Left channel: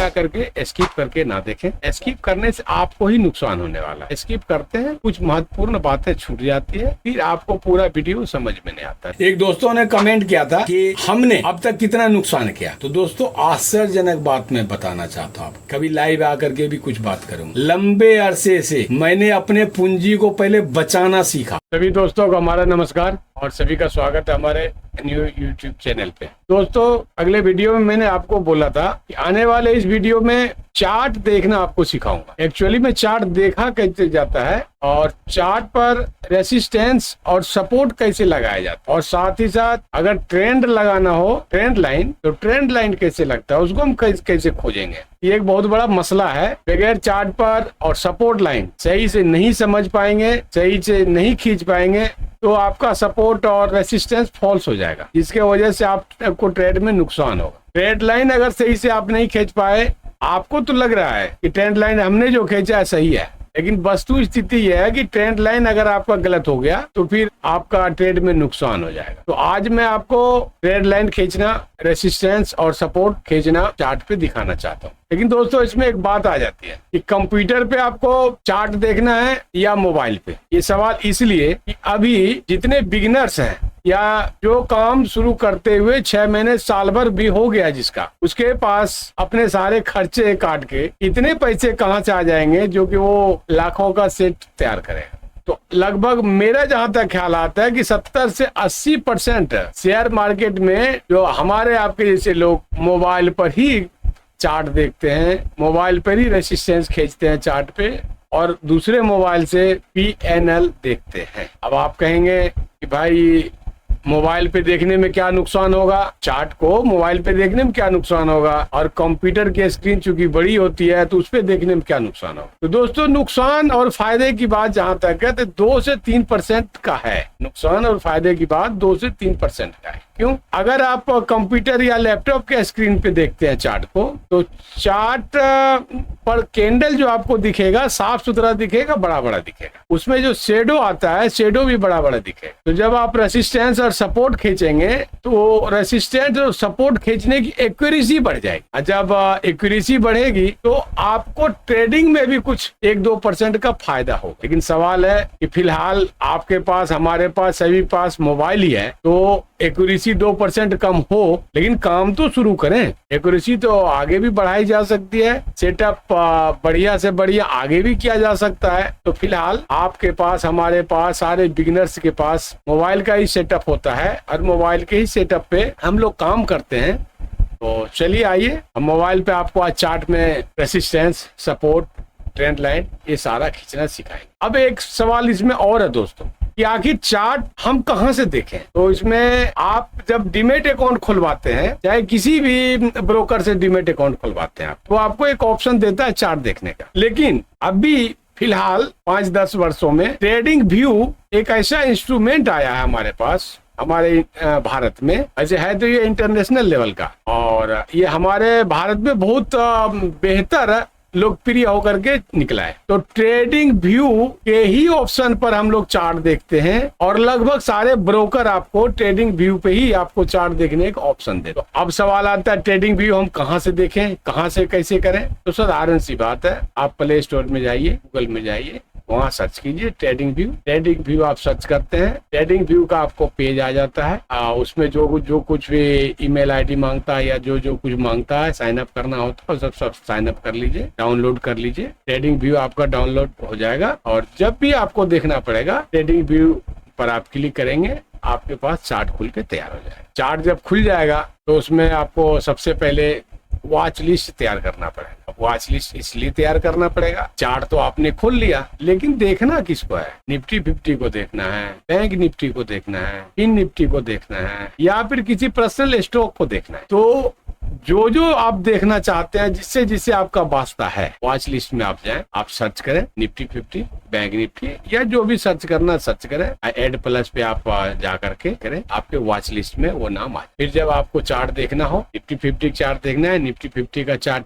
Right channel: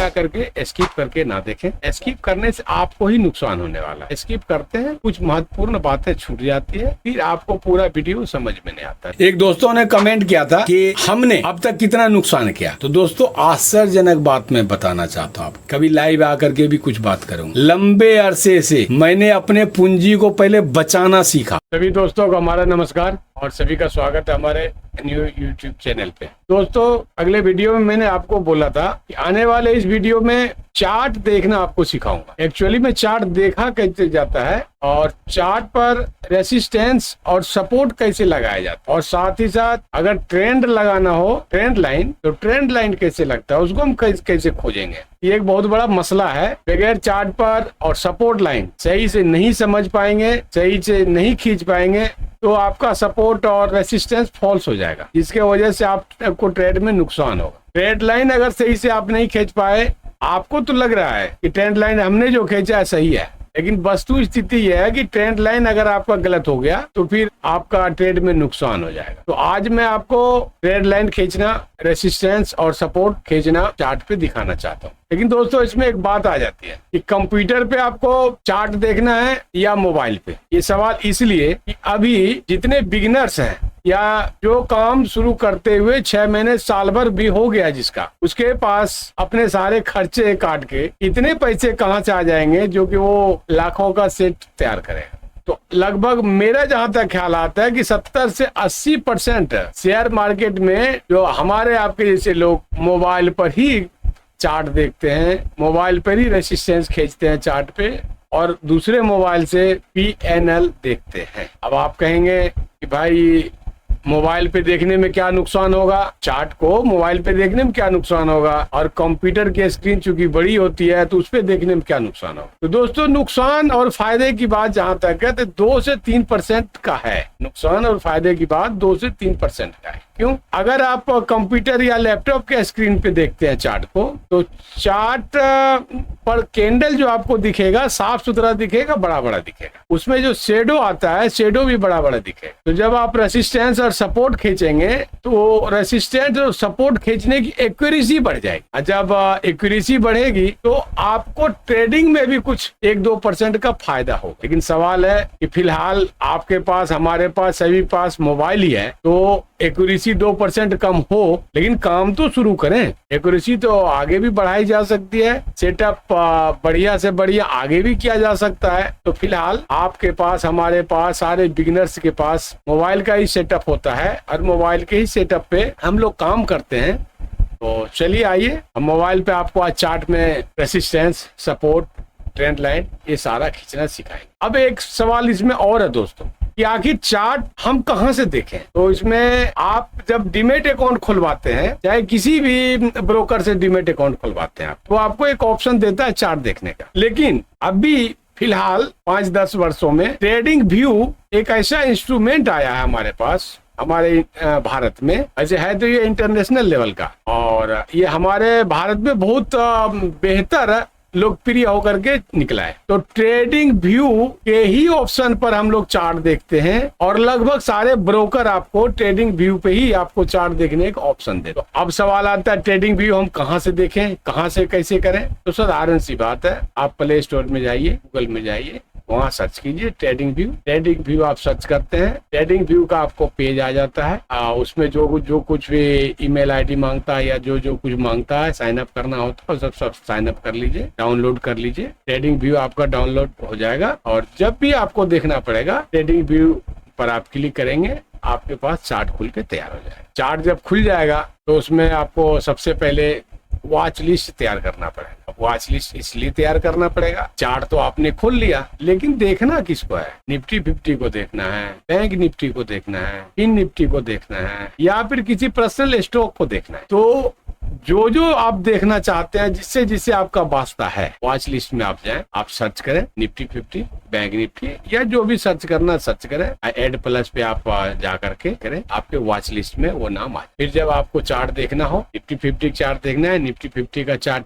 जा करके स्किप करके ना देखें। स्किप करने से आपको ही नुकसान होने वाला है। स्किप करते हैं, कुछ महत्वपूर्ण बातें छूट जाती है, फिर आपको पूरा वीडियो समझ में नहीं आता। एक दोस्तों ने कमेंट किया था कि हमने अब तक कितना नुकसान किया। तो दोस्तों आश्चर्यजनक बात मैं बताना चाहता हूँ, कभी लाइव आकर के भी कुछ बात करूंगा। लंबे अरसे से मैंने अपने पूंजी को पहले बचाना सीखा। सभी दोस्तों को हमारा नमस्कार और सभी का स्वागत है हमारे न्यू यूट्यूब चैनल पे। दोस्तों अगले वीडियो में मैंने आपको बोला था कि आने वाले इस वीडियो में चार्ट देखना आपको सिखाऊंगा। एक्चुअली में चार्ट देखा कैसे जाता है और चार्ट पर रेसिस्टेंस और सपोर्ट कैसे लगाया जाता है, और साथ ही साथ अगर ट्रेंड लगाना हो, ट्रेंड लाइन, तो ट्रेंड लाइन कैसे लगता है उसको हम कैसे खोजेंगे। ये एक बहुत बड़ा मसला है। बगैर चार्ट पर और सपोर्ट लाइन सही से नहीं समझ पाएंगे, सही से नहीं खींच पाएंगे, तो आपका सपोर्ट और रेसिस्टेंस फॉल्स हो जाएगा, जिसके वजह से आपको ट्रेड में नुकसान होगा। ट्रेड लाइन अगर सही से आप नहीं खींच पाए, आपको तो लग रहा है कि ट्रेंड लाइन हमने जो खींचा है सही है, लेकिन वस्तु स्थिति यह है कि ट्रेंड लाइन अगर आपका गलत हो गया तो फिर आपका ट्रेड में नुकसान हो जाएगा। तो आज मैं आपको ट्रेंड लाइन खींचना, रेसिस्टेंस और सपोर्ट खींचना चार्ट पे दिखाना चाहता हूँ। लेकिन दोस्तों इसमें एक बात आ जाती है कि कंप्यूटर पे आपको चार्ट देखना है या मोबाइल पे। ये सवाल इसलिए कि अभी जितने बिगिनर्स हैं या जो काम शुरू करते हुए 6 महीने साल भर भी हो गया जिसका, उसके पास अपने सारे खर्चे काट के इतने पैसे कहाँ से आ जाएंगे जो कि वो लाखों का सेट तैयार करेगा। तो लगभग मेरा जहां तक ख्याल आता है कि 70 से 80% शेयर मार्केट में जो हमारे आपके जैसे लोग मोबाइल पर ही चार्ट देखते हैं, मोबाइल पर ही रेसिस्टेंस खींचते हैं चार्ट पे, और दूसरे मोबाइल से PNL देखते हैं। अब आप कहेंगे कि भाई मोबाइल पे देखने में क्या नुकसान होगा, चार्ट को मोबाइल पे देखने में क्या नुकसान होगा, और कंप्यूटर की स्क्रीन चूंकि बड़ी होती है तो उस पे देखने में क्या नुकसान होगा। तो दोस्तों नुकसान और फायदे की बात जहां तक है तो 2 से 3% का है। नुकसान और फायदे की बात 2 से 3% का है। क्यों? अगर आप कंप्यूटर या लैपटॉप के स्क्रीन पे देखते हैं चार्ट को, तो चार्ट पर कैंडल जो आपको दिखेगा साफ सुथरा दिखेगा, बड़ा बड़ा दिखेगा। उसमें जो शेडो आता है, शेडो भी बड़ा बड़ा दिखेगा। तो जब आप रेसिस्टेंस और सपोर्ट खींचेंगे तो रेसिस्टेंस और सपोर्ट खींचने की एक्यूरेसी बढ़ जाएगी। जब एक्यूरेसी बढ़ेगी तो आपको ट्रेडिंग में भी कुछ 1-2% का फायदा हो। लेकिन सवाल है कि फिलहाल आपके पास, हमारे पास, सभी पास मोबाइल ही है, तो एक्यूरेसी 2% कम हो, लेकिन काम तो शुरू करें। एक्यूरेसी तो आगे भी बढ़ाई जा सकती है, सेटअप बढ़िया से बढ़िया आगे भी किया जा सकता है। तो फिलहाल आपके पास, हमारे पास, सारे बिगिनर्स के पास मोबाइल का ही सेटअप होता है और मोबाइल के ही सेटअप पे हम लोग काम करते हैं। तो चलिए आइए हम मोबाइल पे आपको आज चार्ट में रेसिस्टेंस, सपोर्ट, ट्रेंड लाइन ये सारा खींचना सिखाएंगे। अब एक सवाल इसमें और है दोस्तों कि आखिर चार्ट हम कहां से देखें। तो इसमें आप जब डीमेट अकाउंट खुलवाते हैं, चाहे किसी भी ब्रोकर से डीमेट अकाउंट खुलवाते हैं, तो आपको एक ऑप्शन देता है चार्ट देखने का। लेकिन अभी फिलहाल 5-10 वर्षों में ट्रेडिंग व्यू एक ऐसा इंस्ट्रूमेंट आया है हमारे पास, हमारे भारत में। ऐसे है तो ये इंटरनेशनल लेवल का, और ये हमारे भारत में बहुत बेहतर लोकप्रिय होकर के निकला है। तो ट्रेडिंग व्यू के ही ऑप्शन पर हम लोग चार्ट देखते हैं, और लगभग सारे ब्रोकर आपको ट्रेडिंग व्यू पे ही आपको चार्ट देखने का ऑप्शन दे। तो अब सवाल आता है ट्रेडिंग व्यू हम कहां से देखें, कहां से कैसे करें। तो साधारण सी बात है, आप प्ले स्टोर में जाइए, गूगल में जाइए, वहां सर्च कीजिए ट्रेडिंग व्यू। ट्रेडिंग व्यू आप सर्च करते हैं, ट्रेडिंग व्यू का आपको पेज आ जाता है। उसमें जो कुछ भी ईमेल आईडी मांगता है या जो कुछ मांगता है, साइन अप करना होता है, सब साइन अप कर लीजिए, डाउनलोड कर लीजिए। ट्रेडिंग व्यू आपका डाउनलोड हो जाएगा, और जब भी आपको देखना पड़ेगा ट्रेडिंग व्यू पर आप क्लिक करेंगे, आपके पास चार्ट खुल के तैयार हो जाएगा। चार्ट जब खुल जाएगा तो उसमें आपको सबसे पहले वॉच लिस्ट तैयार करना पड़ेगा। वॉच लिस्ट इसलिए तैयार करना पड़ेगा, चार्ट तो आपने खोल लिया, लेकिन देखना किसको है। निफ्टी 50 को देखना है, बैंक निफ्टी को देखना है, फिन निफ्टी को देखना है, या फिर किसी पर्सनल स्टॉक को देखना है। तो जो आप देखना चाहते हैं, जिससे जिससे आपका वास्ता है, वॉच लिस्ट में आप जाएं, आप सर्च करें निफ्टी 50, बैंक निफ्टी, या जो भी सर्च करना सर्च करें। एड प्लस पे आप जा करके करें, आपके वॉच लिस्ट में वो नाम आए। फिर जब आपको चार्ट देखना हो, निफ्टी 50 चार्ट देखना है, निफ्टी 50 का चार्ट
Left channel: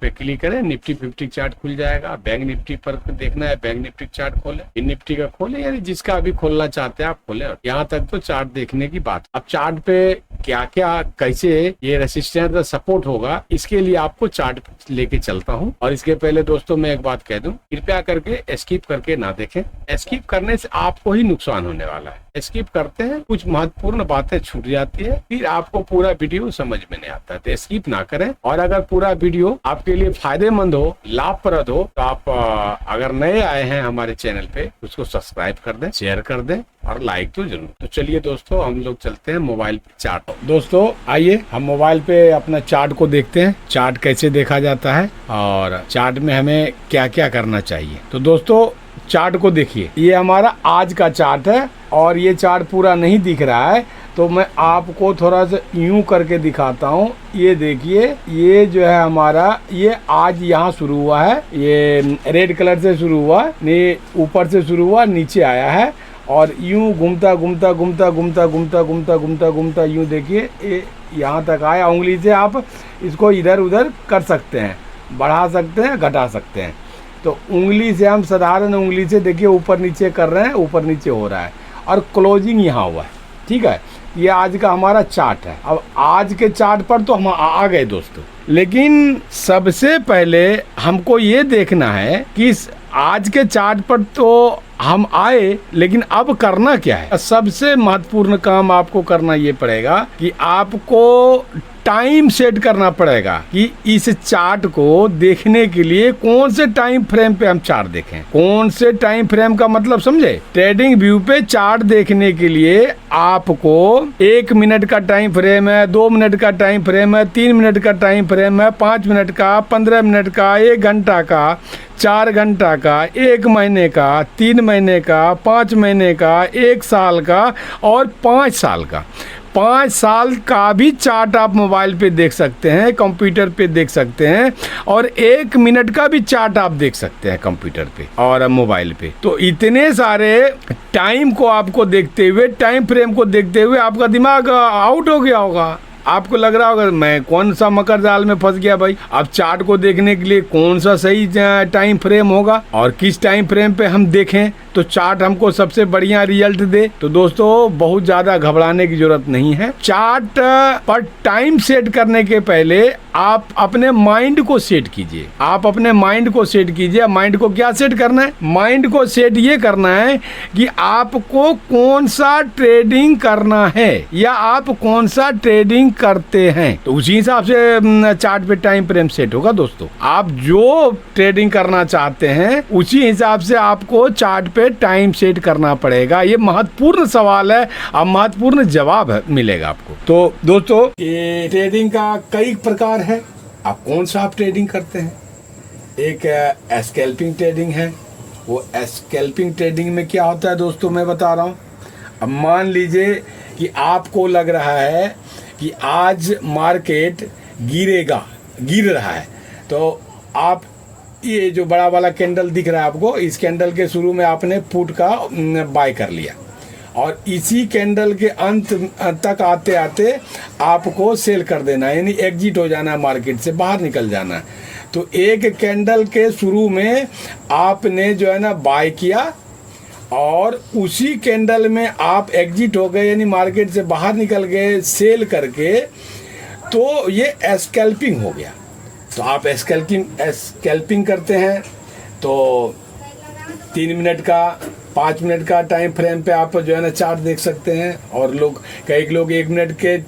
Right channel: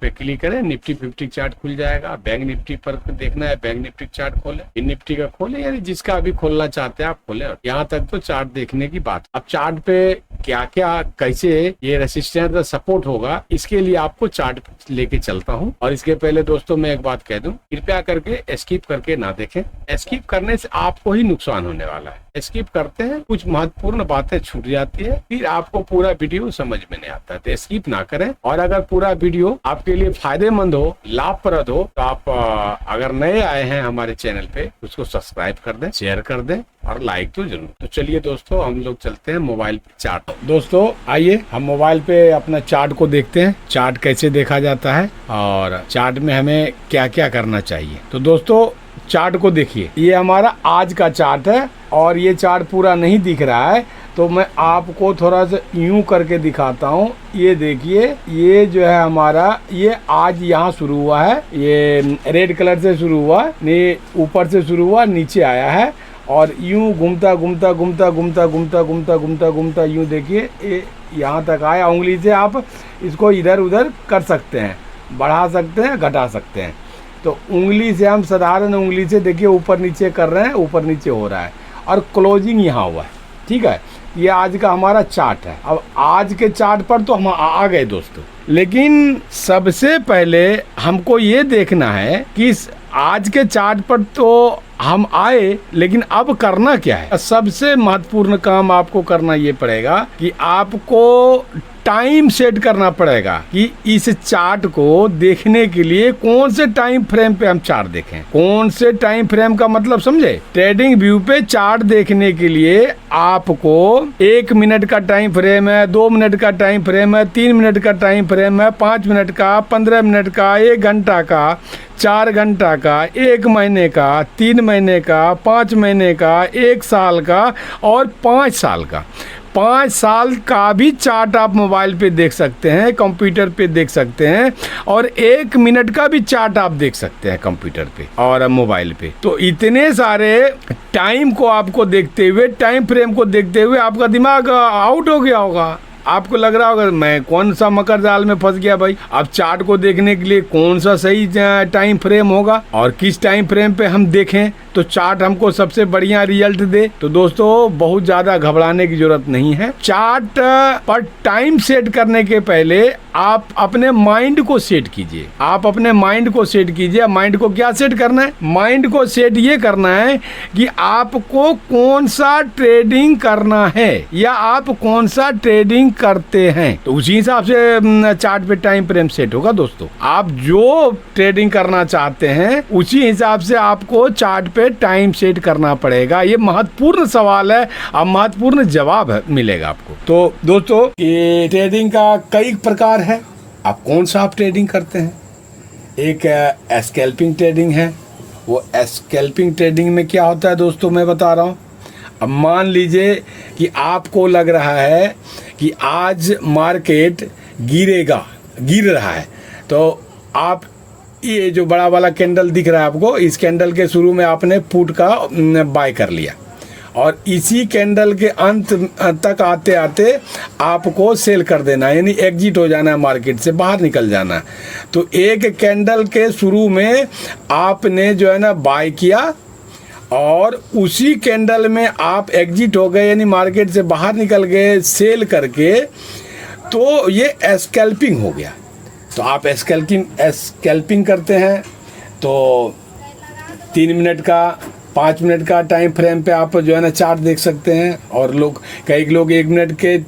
पे क्लिक करें, निफ्टी 50 चार्ट खुल जाएगा। बैंक निफ्टी पर देखना है, बैंक निफ्टी चार्ट खोले, फिर निफ्टी का खोले, यानी जिसका अभी खोलना चाहते हैं आप खोले। यहाँ तक तो चार्ट देखने की बात। अब चार्ट पे क्या क्या, कैसे ये रेसिस्टेंस चैनल का सपोर्ट होगा, इसके लिए आपको चार्ट लेके चलता हूँ। और इसके पहले दोस्तों मैं एक बात कह दूं, कृपया करके स्किप करके ना देखें। स्किप करने से आपको ही नुकसान होने वाला है। स्किप करते हैं, कुछ महत्वपूर्ण बातें छूट जाती है, फिर आपको पूरा वीडियो समझ में नहीं आता है। तो स्किप ना करें। और अगर पूरा वीडियो आपके लिए फायदेमंद हो, लाभप्रद हो, तो आप अगर नए आए हैं हमारे चैनल पे, उसको सब्सक्राइब कर दें, शेयर कर दें और लाइक तो जरूर। तो चलिए दोस्तों, हम लोग चलते हैं मोबाइल पे चार्ट। दोस्तों आइए हम मोबाइल पे अपना चार्ट को देखते हैं, चार्ट कैसे देखा जाता है और चार्ट में हमें क्या क्या करना चाहिए। तो दोस्तों चार्ट को देखिए, ये हमारा आज का चार्ट है और ये चार्ट पूरा नहीं दिख रहा है, तो मैं आपको थोड़ा सा यूं करके दिखाता हूँ। ये देखिए, ये जो है हमारा, ये आज यहाँ शुरू हुआ है, ये रेड कलर से शुरू हुआ, ये ऊपर से शुरू हुआ, नीचे आया है और यूं घूमता घूमता घूमता घूमता घूमता घूमता घूमता घूमता यूं देखिए ये यहाँ तक आया। उंगली से आप इसको इधर उधर कर सकते हैं, बढ़ा सकते हैं, घटा सकते हैं। तो उंगली से हम साधारण उंगली से देखिए ऊपर नीचे कर रहे हैं, ऊपर नीचे हो रहा है और क्लोजिंग यहाँ हुआ है। ठीक है, ये आज का हमारा चार्ट है। अब आज के चार्ट पर तो हम आ गए दोस्तों, लेकिन सबसे पहले हमको ये देखना है कि आज के चार्ट पर तो हम आए, लेकिन अब करना क्या है। सबसे महत्वपूर्ण काम आपको करना ये पड़ेगा कि आपको टाइम सेट करना पड़ेगा कि इस चार्ट को देखने के लिए कौन से टाइम फ्रेम पे हम चार्ट देखें। कौन से टाइम फ्रेम का मतलब समझे? ट्रेडिंग व्यू पे चार्ट देखने के लिए आपको 1 मिनट का टाइम फ्रेम है, 2 मिनट का टाइम फ्रेम है, 3 मिनट का टाइम फ्रेम है, 5 मिनट का, 15 मिनट का, 1 घंटा का, 4 घंटा का, 1 महीने का, 3 महीने का, 5 महीने का, 1 साल का और 5 साल का। 5 साल का भी चार्ट आप मोबाइल पे देख सकते हैं, कंप्यूटर पे देख सकते हैं और 1 मिनट का भी चार्ट आप देख सकते हैं कंप्यूटर पे और मोबाइल पे। तो इतने सारे टाइम को आपको देखते हुए, टाइम फ्रेम को देखते हुए आपका दिमाग आउट हो गया होगा। आपको लग रहा होगा मैं कौन सा मकर जाल में फंस गया भाई। अब चार्ट को देखने के लिए कौन सा सही टाइम फ्रेम होगा और किस टाइम फ्रेम पे हम देखें तो चार्ट हमको सबसे बढ़िया रिजल्ट दे। तो दोस्तों बहुत ज्यादा घबराने की जरूरत नहीं है। चार्ट पर टाइम सेट करने के पहले आप अपने माइंड को सेट कीजिए। आप अपने माइंड को सेट कीजिए। माइंड को क्या सेट करना है? माइंड को सेट ये करना है कि आपको कौन सा ट्रेडिंग करना है या आप कौन सा ट्रेडिंग करते हैं, तो उसी हिसाब से चार्ट पे टाइम फ्रेम सेट होगा। दोस्तों आप जो ट्रेडिंग करना चाहते हैं उसी हिसाब से आपको चार्ट पे टाइम सेट करना पड़ेगा। ये महत्वपूर्ण सवाल है, अब महत्वपूर्ण जवाब मिलेगा आपको। तो दोस्तों ये ट्रेडिंग का कई प्रकार है, आप कौन सा आप ट्रेडिंग करते हैं? एक स्कैल्पिंग ट्रेडिंग है। वो स्कैल्पिंग ट्रेडिंग में क्या होता है दोस्तों मैं बता रहा हूँ। अब मान लीजिए कि आपको लग रहा है कि आज मार्केट गिर रहा है, तो आप ये जो बड़ा वाला कैंडल दिख रहा है आपको, इस कैंडल के शुरू में आपने पुट का बाय कर लिया और इसी कैंडल के अंत तक आते आते आपको सेल कर देना है, यानी एग्जिट हो जाना है, मार्केट से बाहर निकल जाना है। तो एक कैंडल के शुरू में आपने जो है ना बाय किया और उसी कैंडल में आप एग्जिट हो गए, यानी मार्केट से बाहर निकल गए सेल करके, तो ये स्कैल्पिंग हो गया। तो आप स्कैल्पिंग करते हैं तो 3 मिनट का, 5 मिनट का टाइम फ्रेम पे आप जो है ना चार्ट देख सकते हैं। और कई लोग 1 मिनट के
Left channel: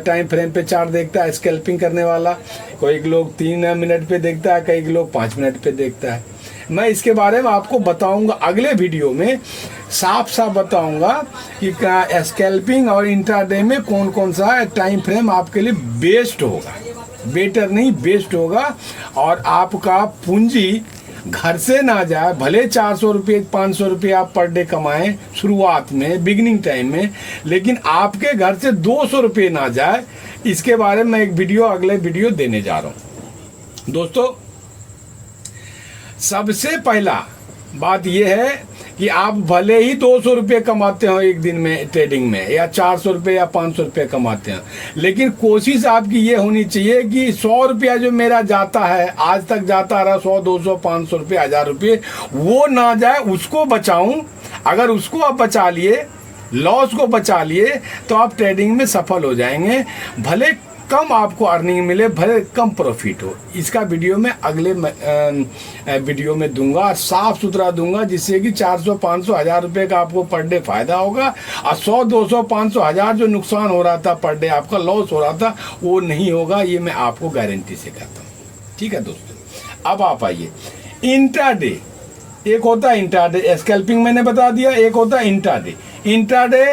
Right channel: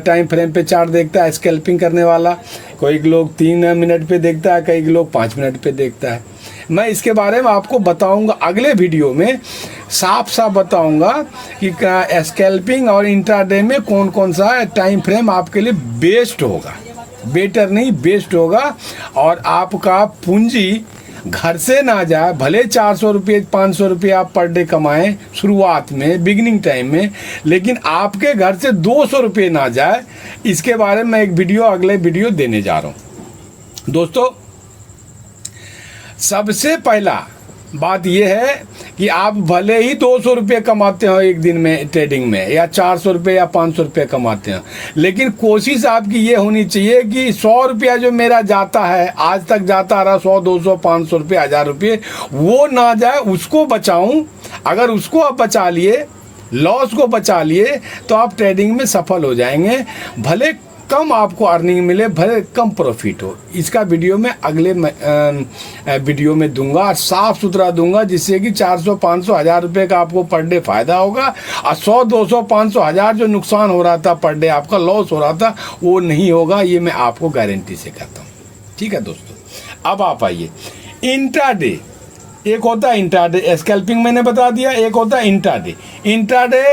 टाइम फ्रेम पे चार्ट देखता है स्कैल्पिंग करने वाला, कोई लोग 3 मिनट पे देखता है, कई लोग 5 मिनट पे देखता है। मैं इसके बारे में आपको बताऊंगा अगले वीडियो में, साफ साफ बताऊंगा कि स्कैल्पिंग और इंट्राडे में कौन कौन सा टाइम फ्रेम आपके लिए बेस्ट होगा। बेटर नहीं, बेस्ट होगा और आपका पूंजी घर से ना जाए। भले 400 रुपये 500 रुपये आप पर डे कमाएं शुरुआत में, बिगिनिंग टाइम में, लेकिन आपके घर से 200 रुपये ना जाए। इसके बारे में एक वीडियो अगले वीडियो देने जा रहा हूं। दोस्तों सबसे पहला बात यह है कि आप भले ही 200 रुपये कमाते हो एक दिन में ट्रेडिंग में, या 400 रुपये या 500 रुपये कमाते हो, लेकिन कोशिश आपकी ये होनी चाहिए कि 100 रुपया जो मेरा जाता है, आज तक जाता रहा 100 200 500 रुपये 1000 रुपये, वो ना जाए, उसको बचाऊं। अगर उसको आप बचा लिए, लॉस को बचा लिए, तो आप ट्रेडिंग में सफल हो जाएंगे। भले कम आपको अर्निंग मिले, भले कम प्रॉफिट हो, इसका वीडियो मैं अगले वीडियो में दूंगा और साफ सुथरा दूंगा, जिससे कि 400, 500, 1000 रुपये का आपको पर डे फायदा होगा और 100, 200, 500, 1000 जो नुकसान हो रहा था पर डे, आपका लॉस हो रहा था, वो नहीं होगा। ये मैं आपको गारंटी से कहता हूँ। ठीक है दोस्तों, अब आप आइए इंट्राडे। एक होता है इंट्राडे स्कैल्पिंग, मैंने बता दिया। एक होता है इंट्राडे। इंट्राडे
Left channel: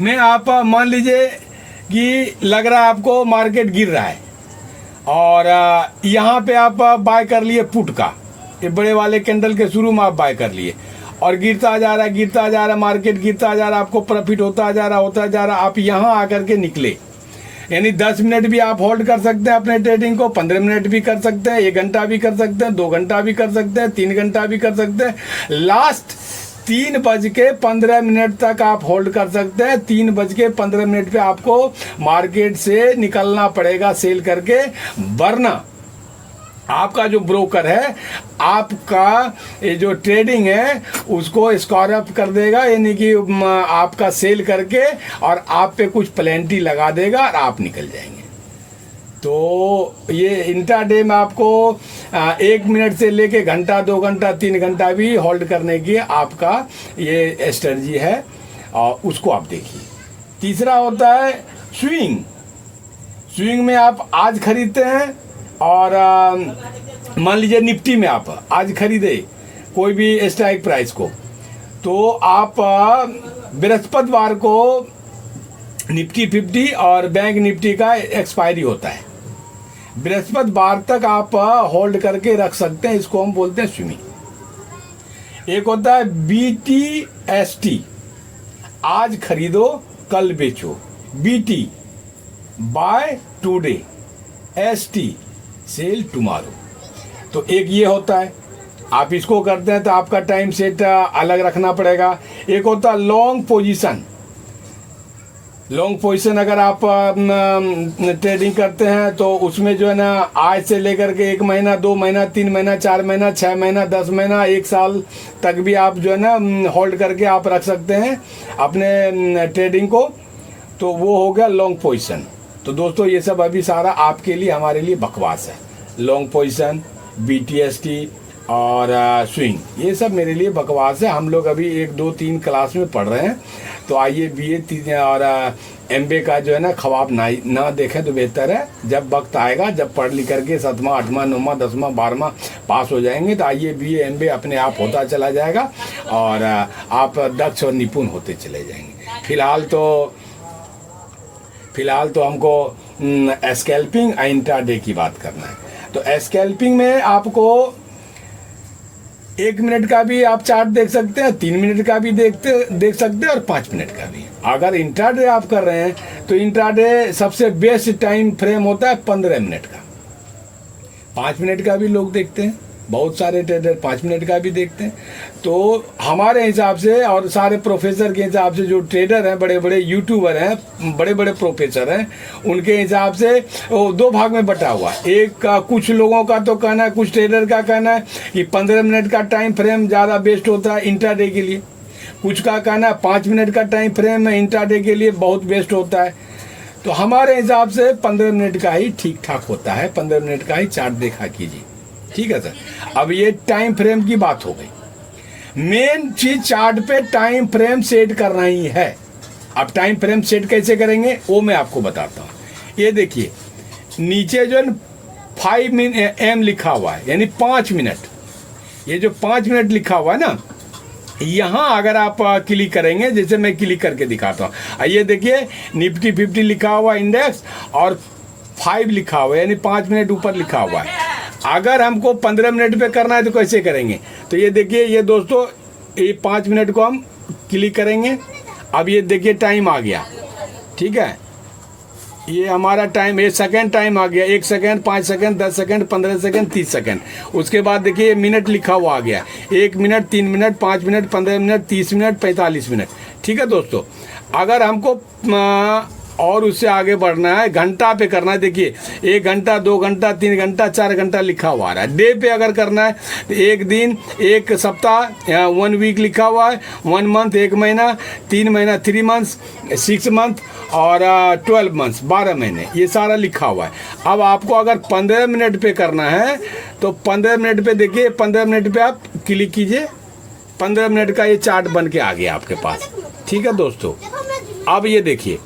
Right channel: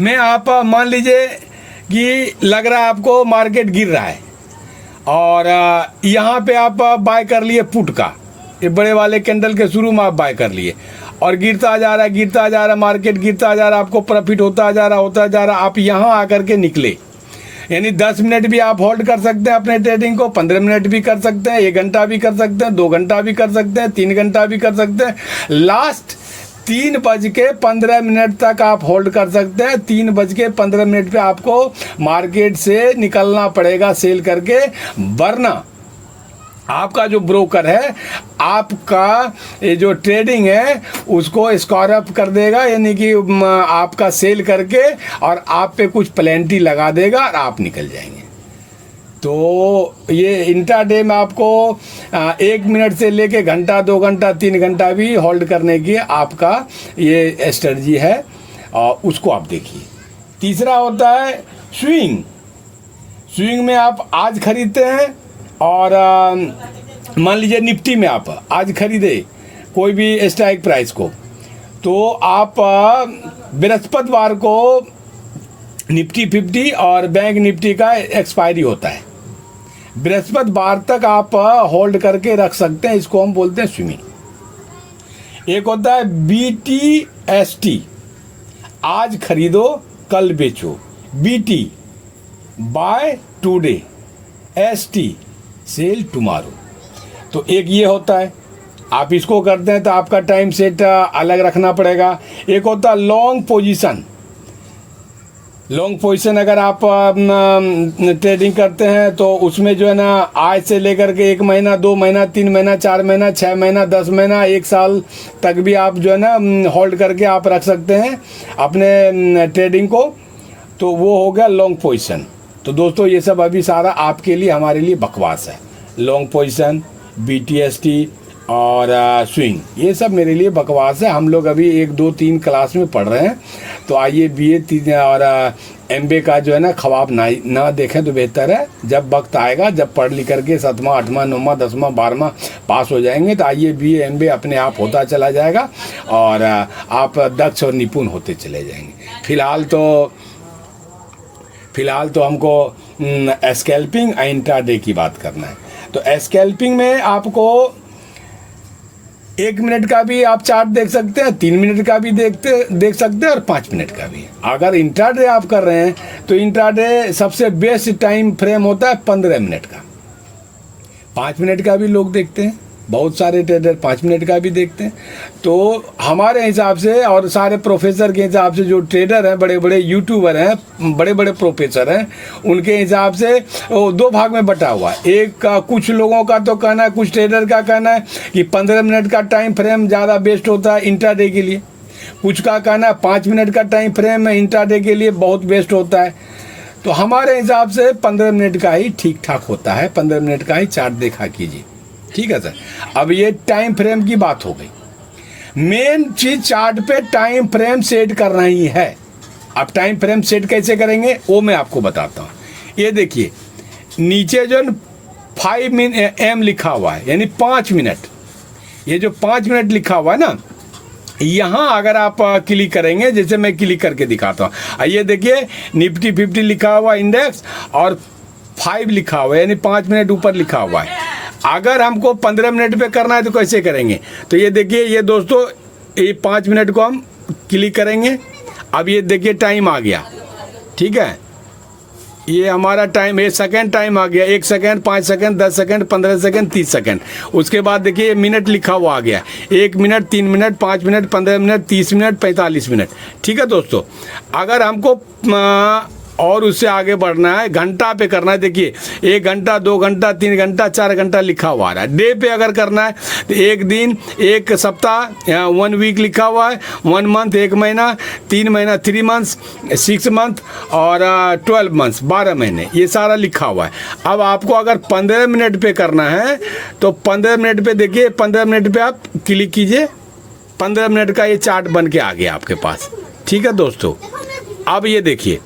में आप मान लीजिए कि लग रहा है आपको मार्केट गिर रहा है और यहाँ पे आप बाय कर लिए पुट का, ये बड़े वाले कैंडल के शुरू में आप बाय कर लिए और गिरता जा रहा है, गिरता जा रहा है, मार्केट गिरता जा रहा है, आपको प्रॉफिट होता जा रहा, होता जा रहा। आप यहाँ आकर के निकले, यानी 10 मिनट भी आप होल्ड कर सकते हैं अपने ट्रेडिंग को, 15 मिनट भी कर सकते हैं, 1 घंटा भी कर सकते हैं, 2 घंटा भी कर सकते हैं, 3 घंटा भी कर सकते हैं। लास्ट 3:15 तक आप होल्ड कर सकते हैं। 3:15 पे आपको मार्केट से निकलना पड़ेगा सेल करके, वरना आपका जो ब्रोकर है आपका ये जो ट्रेडिंग है उसको स्कोर अप कर देगा, यानी कि आपका सेल करके और आप पे कुछ प्लेंटी लगा देगा और आप निकल जाएंगे। तो ये इंट्राडे में आपको 1 मिनट से लेके घंटा, 2 घंटा, 3 घंटा भी होल्ड करने की आपका ये स्ट्रेटजी है और उसको आप देखिए। तीसरा होता है स्विंग। स्विंग में आप आज खरीदते हैं और मान लीजिए निफ्टी में आप आज खरीदे कोई भी स्ट्राइक प्राइस को, तो आप बृहस्पतिवार को निफ्टी 50 और बैंक निफ्टी का एक्सपायरी होता है, बृहस्पतिवार तक आप होल्ड करके रख सकते हैं, इसको हम बोलते हैं स्विंगिंग। एक होता है BTST, आज खरीदो कल बेचो, BT buy today, ST sell tomorrow. तो एक ये होता है, आप इसको करते हैं तो आपका टाइम सेट अलग रखना पड़ेगा। एक होता है लॉन्ग पोजीशन। लॉन्ग पोजीशन अगर आप ट्रेडिंग करते हैं तो उसमें जो है ना आज से लेकर के 1 महीना, 2 महीना, 3 महीना, 4 महीना, 6 महीना, 10 महीना, 1 साल तक भी आप जो है ना होल्ड करके आप रख सकते हैं अपने ट्रेडिंग को, तो वो हो गया लॉन्ग पोजीशन। तो दोस्तों ये सब अभी सारा आपके लिए, हमारे लिए बकवास है। लॉन्ग पोजीशन, BTST और स्विंग, ये सब मेरे लिए बकवास है। हम लोग अभी 1, 2, 3 क्लास में पढ़ रहे हैं, तो आइए BA 3 और MBA का जो है ना ख्वाब ना देखें तो बेहतर है। जब वक्त आएगा, जब पढ़ लिख करके 7वां, 8वां, 9वां, 10वां, 12वां पास हो जाएंगे, तो आइए BA MBA अपने आप होता चला जाएगा और आप दक्ष और निपुण होते चले जाएंगे। फिलहाल तो हमको स्कैल्पिंग इंट्राडे की बात करना है। तो स्कैल्पिंग में आपको 1 मिनट का भी आप चार्ट देख सकते हैं, 3 मिनट का भी देख सकते हैं और 5 मिनट का भी। अगर इंट्राडे आप कर रहे हैं तो इंट्राडे सबसे बेस्ट टाइम फ्रेम होता है 15 मिनट का। 5 मिनट का भी लोग देखते हैं, बहुत सारे ट्रेडर 5 मिनट का भी देखते हैं। तो हमारे हिसाब से और सारे प्रोफेसर के हिसाब से, जो ट्रेडर हैं, बड़े बड़े यूट्यूबर हैं, बड़े बड़े प्रोफेसर हैं, उनके हिसाब से वो 2 भाग में बटा हुआ है। एक का कुछ लोगों का तो कहना है, कुछ ट्रेडर का कहना है कि 15 मिनट का टाइम फ्रेम ज़्यादा बेस्ट होता है इंट्राडे के लिए। कुछ का कहना है 5 मिनट का टाइम फ्रेम इंट्राडे के लिए बहुत बेस्ट होता है। तो हमारे हिसाब से 15 मिनट का ही ठीक ठाक होता है, 15 मिनट का ही चार्ट देखा कीजिए। ठीक है सर। अब ये टाइम फ्रेम की बात हो गई। मेन चीज चार्ट पे टाइम फ्रेम सेट करना ही है। अब टाइम फ्रेम सेट कैसे करेंगे वो मैं आपको बताता हूँ। ये देखिए नीचे जो 5 AM लिखा हुआ है, यानी 5 मिनट। ये जो 5 मिनट लिखा हुआ है ना, यहाँ अगर आप क्लिक करेंगे, जैसे मैं क्लिक करके दिखाता हूँ, ये देखिए निफ्टी 50 लिखा हुआ इंडेक्स और 5 लिखा हुआ है, यानी 5 मिनट ऊपर लिखा हुआ है। अगर हमको 15 मिनट पे करना है तो कैसे करेंगे? तो ये देखिए, ये दोस्तों ये 5 मिनट को हम क्लिक करेंगे। अब ये देखिए टाइम आ गया, ठीक है। ये हमारा टाइम 1 सेकेंड टाइम आ गया, 1 second, 5 second, 10 second, 15 second, 30 second. उसके बाद देखिए मिनट लिखा हुआ आ गया, 1 minute, 3 minute, 5 minute, 15 minute, 30 minute, 45 minute. ठीक है दोस्तों, अगर हमको और उससे आगे बढ़ना है, घंटा पे करना है। देखिए 1 घंटा, 2 घंटा, 3 घंटा, 4 घंटा लिखा हुआ आ रहा है। डे पे अगर करना है तो 1 दिन, 1 सप्ताह, 1 वीक लिखा हुआ है, 1 मंथ 1 महीना, 3 महीना 3 मंथ्स, 6 मंथ और 12 मंथ्स 12 महीने, ये सारा लिखा हुआ है। अब आपको अगर 15 मिनट पे करना है तो 15 मिनट पे देखिए, 15 मिनट पे आप क्लिक कीजिए, 15 मिनट का ये चार्ट बन के आ गया आपके पास। ठीक है दोस्तों, अब ये देखिए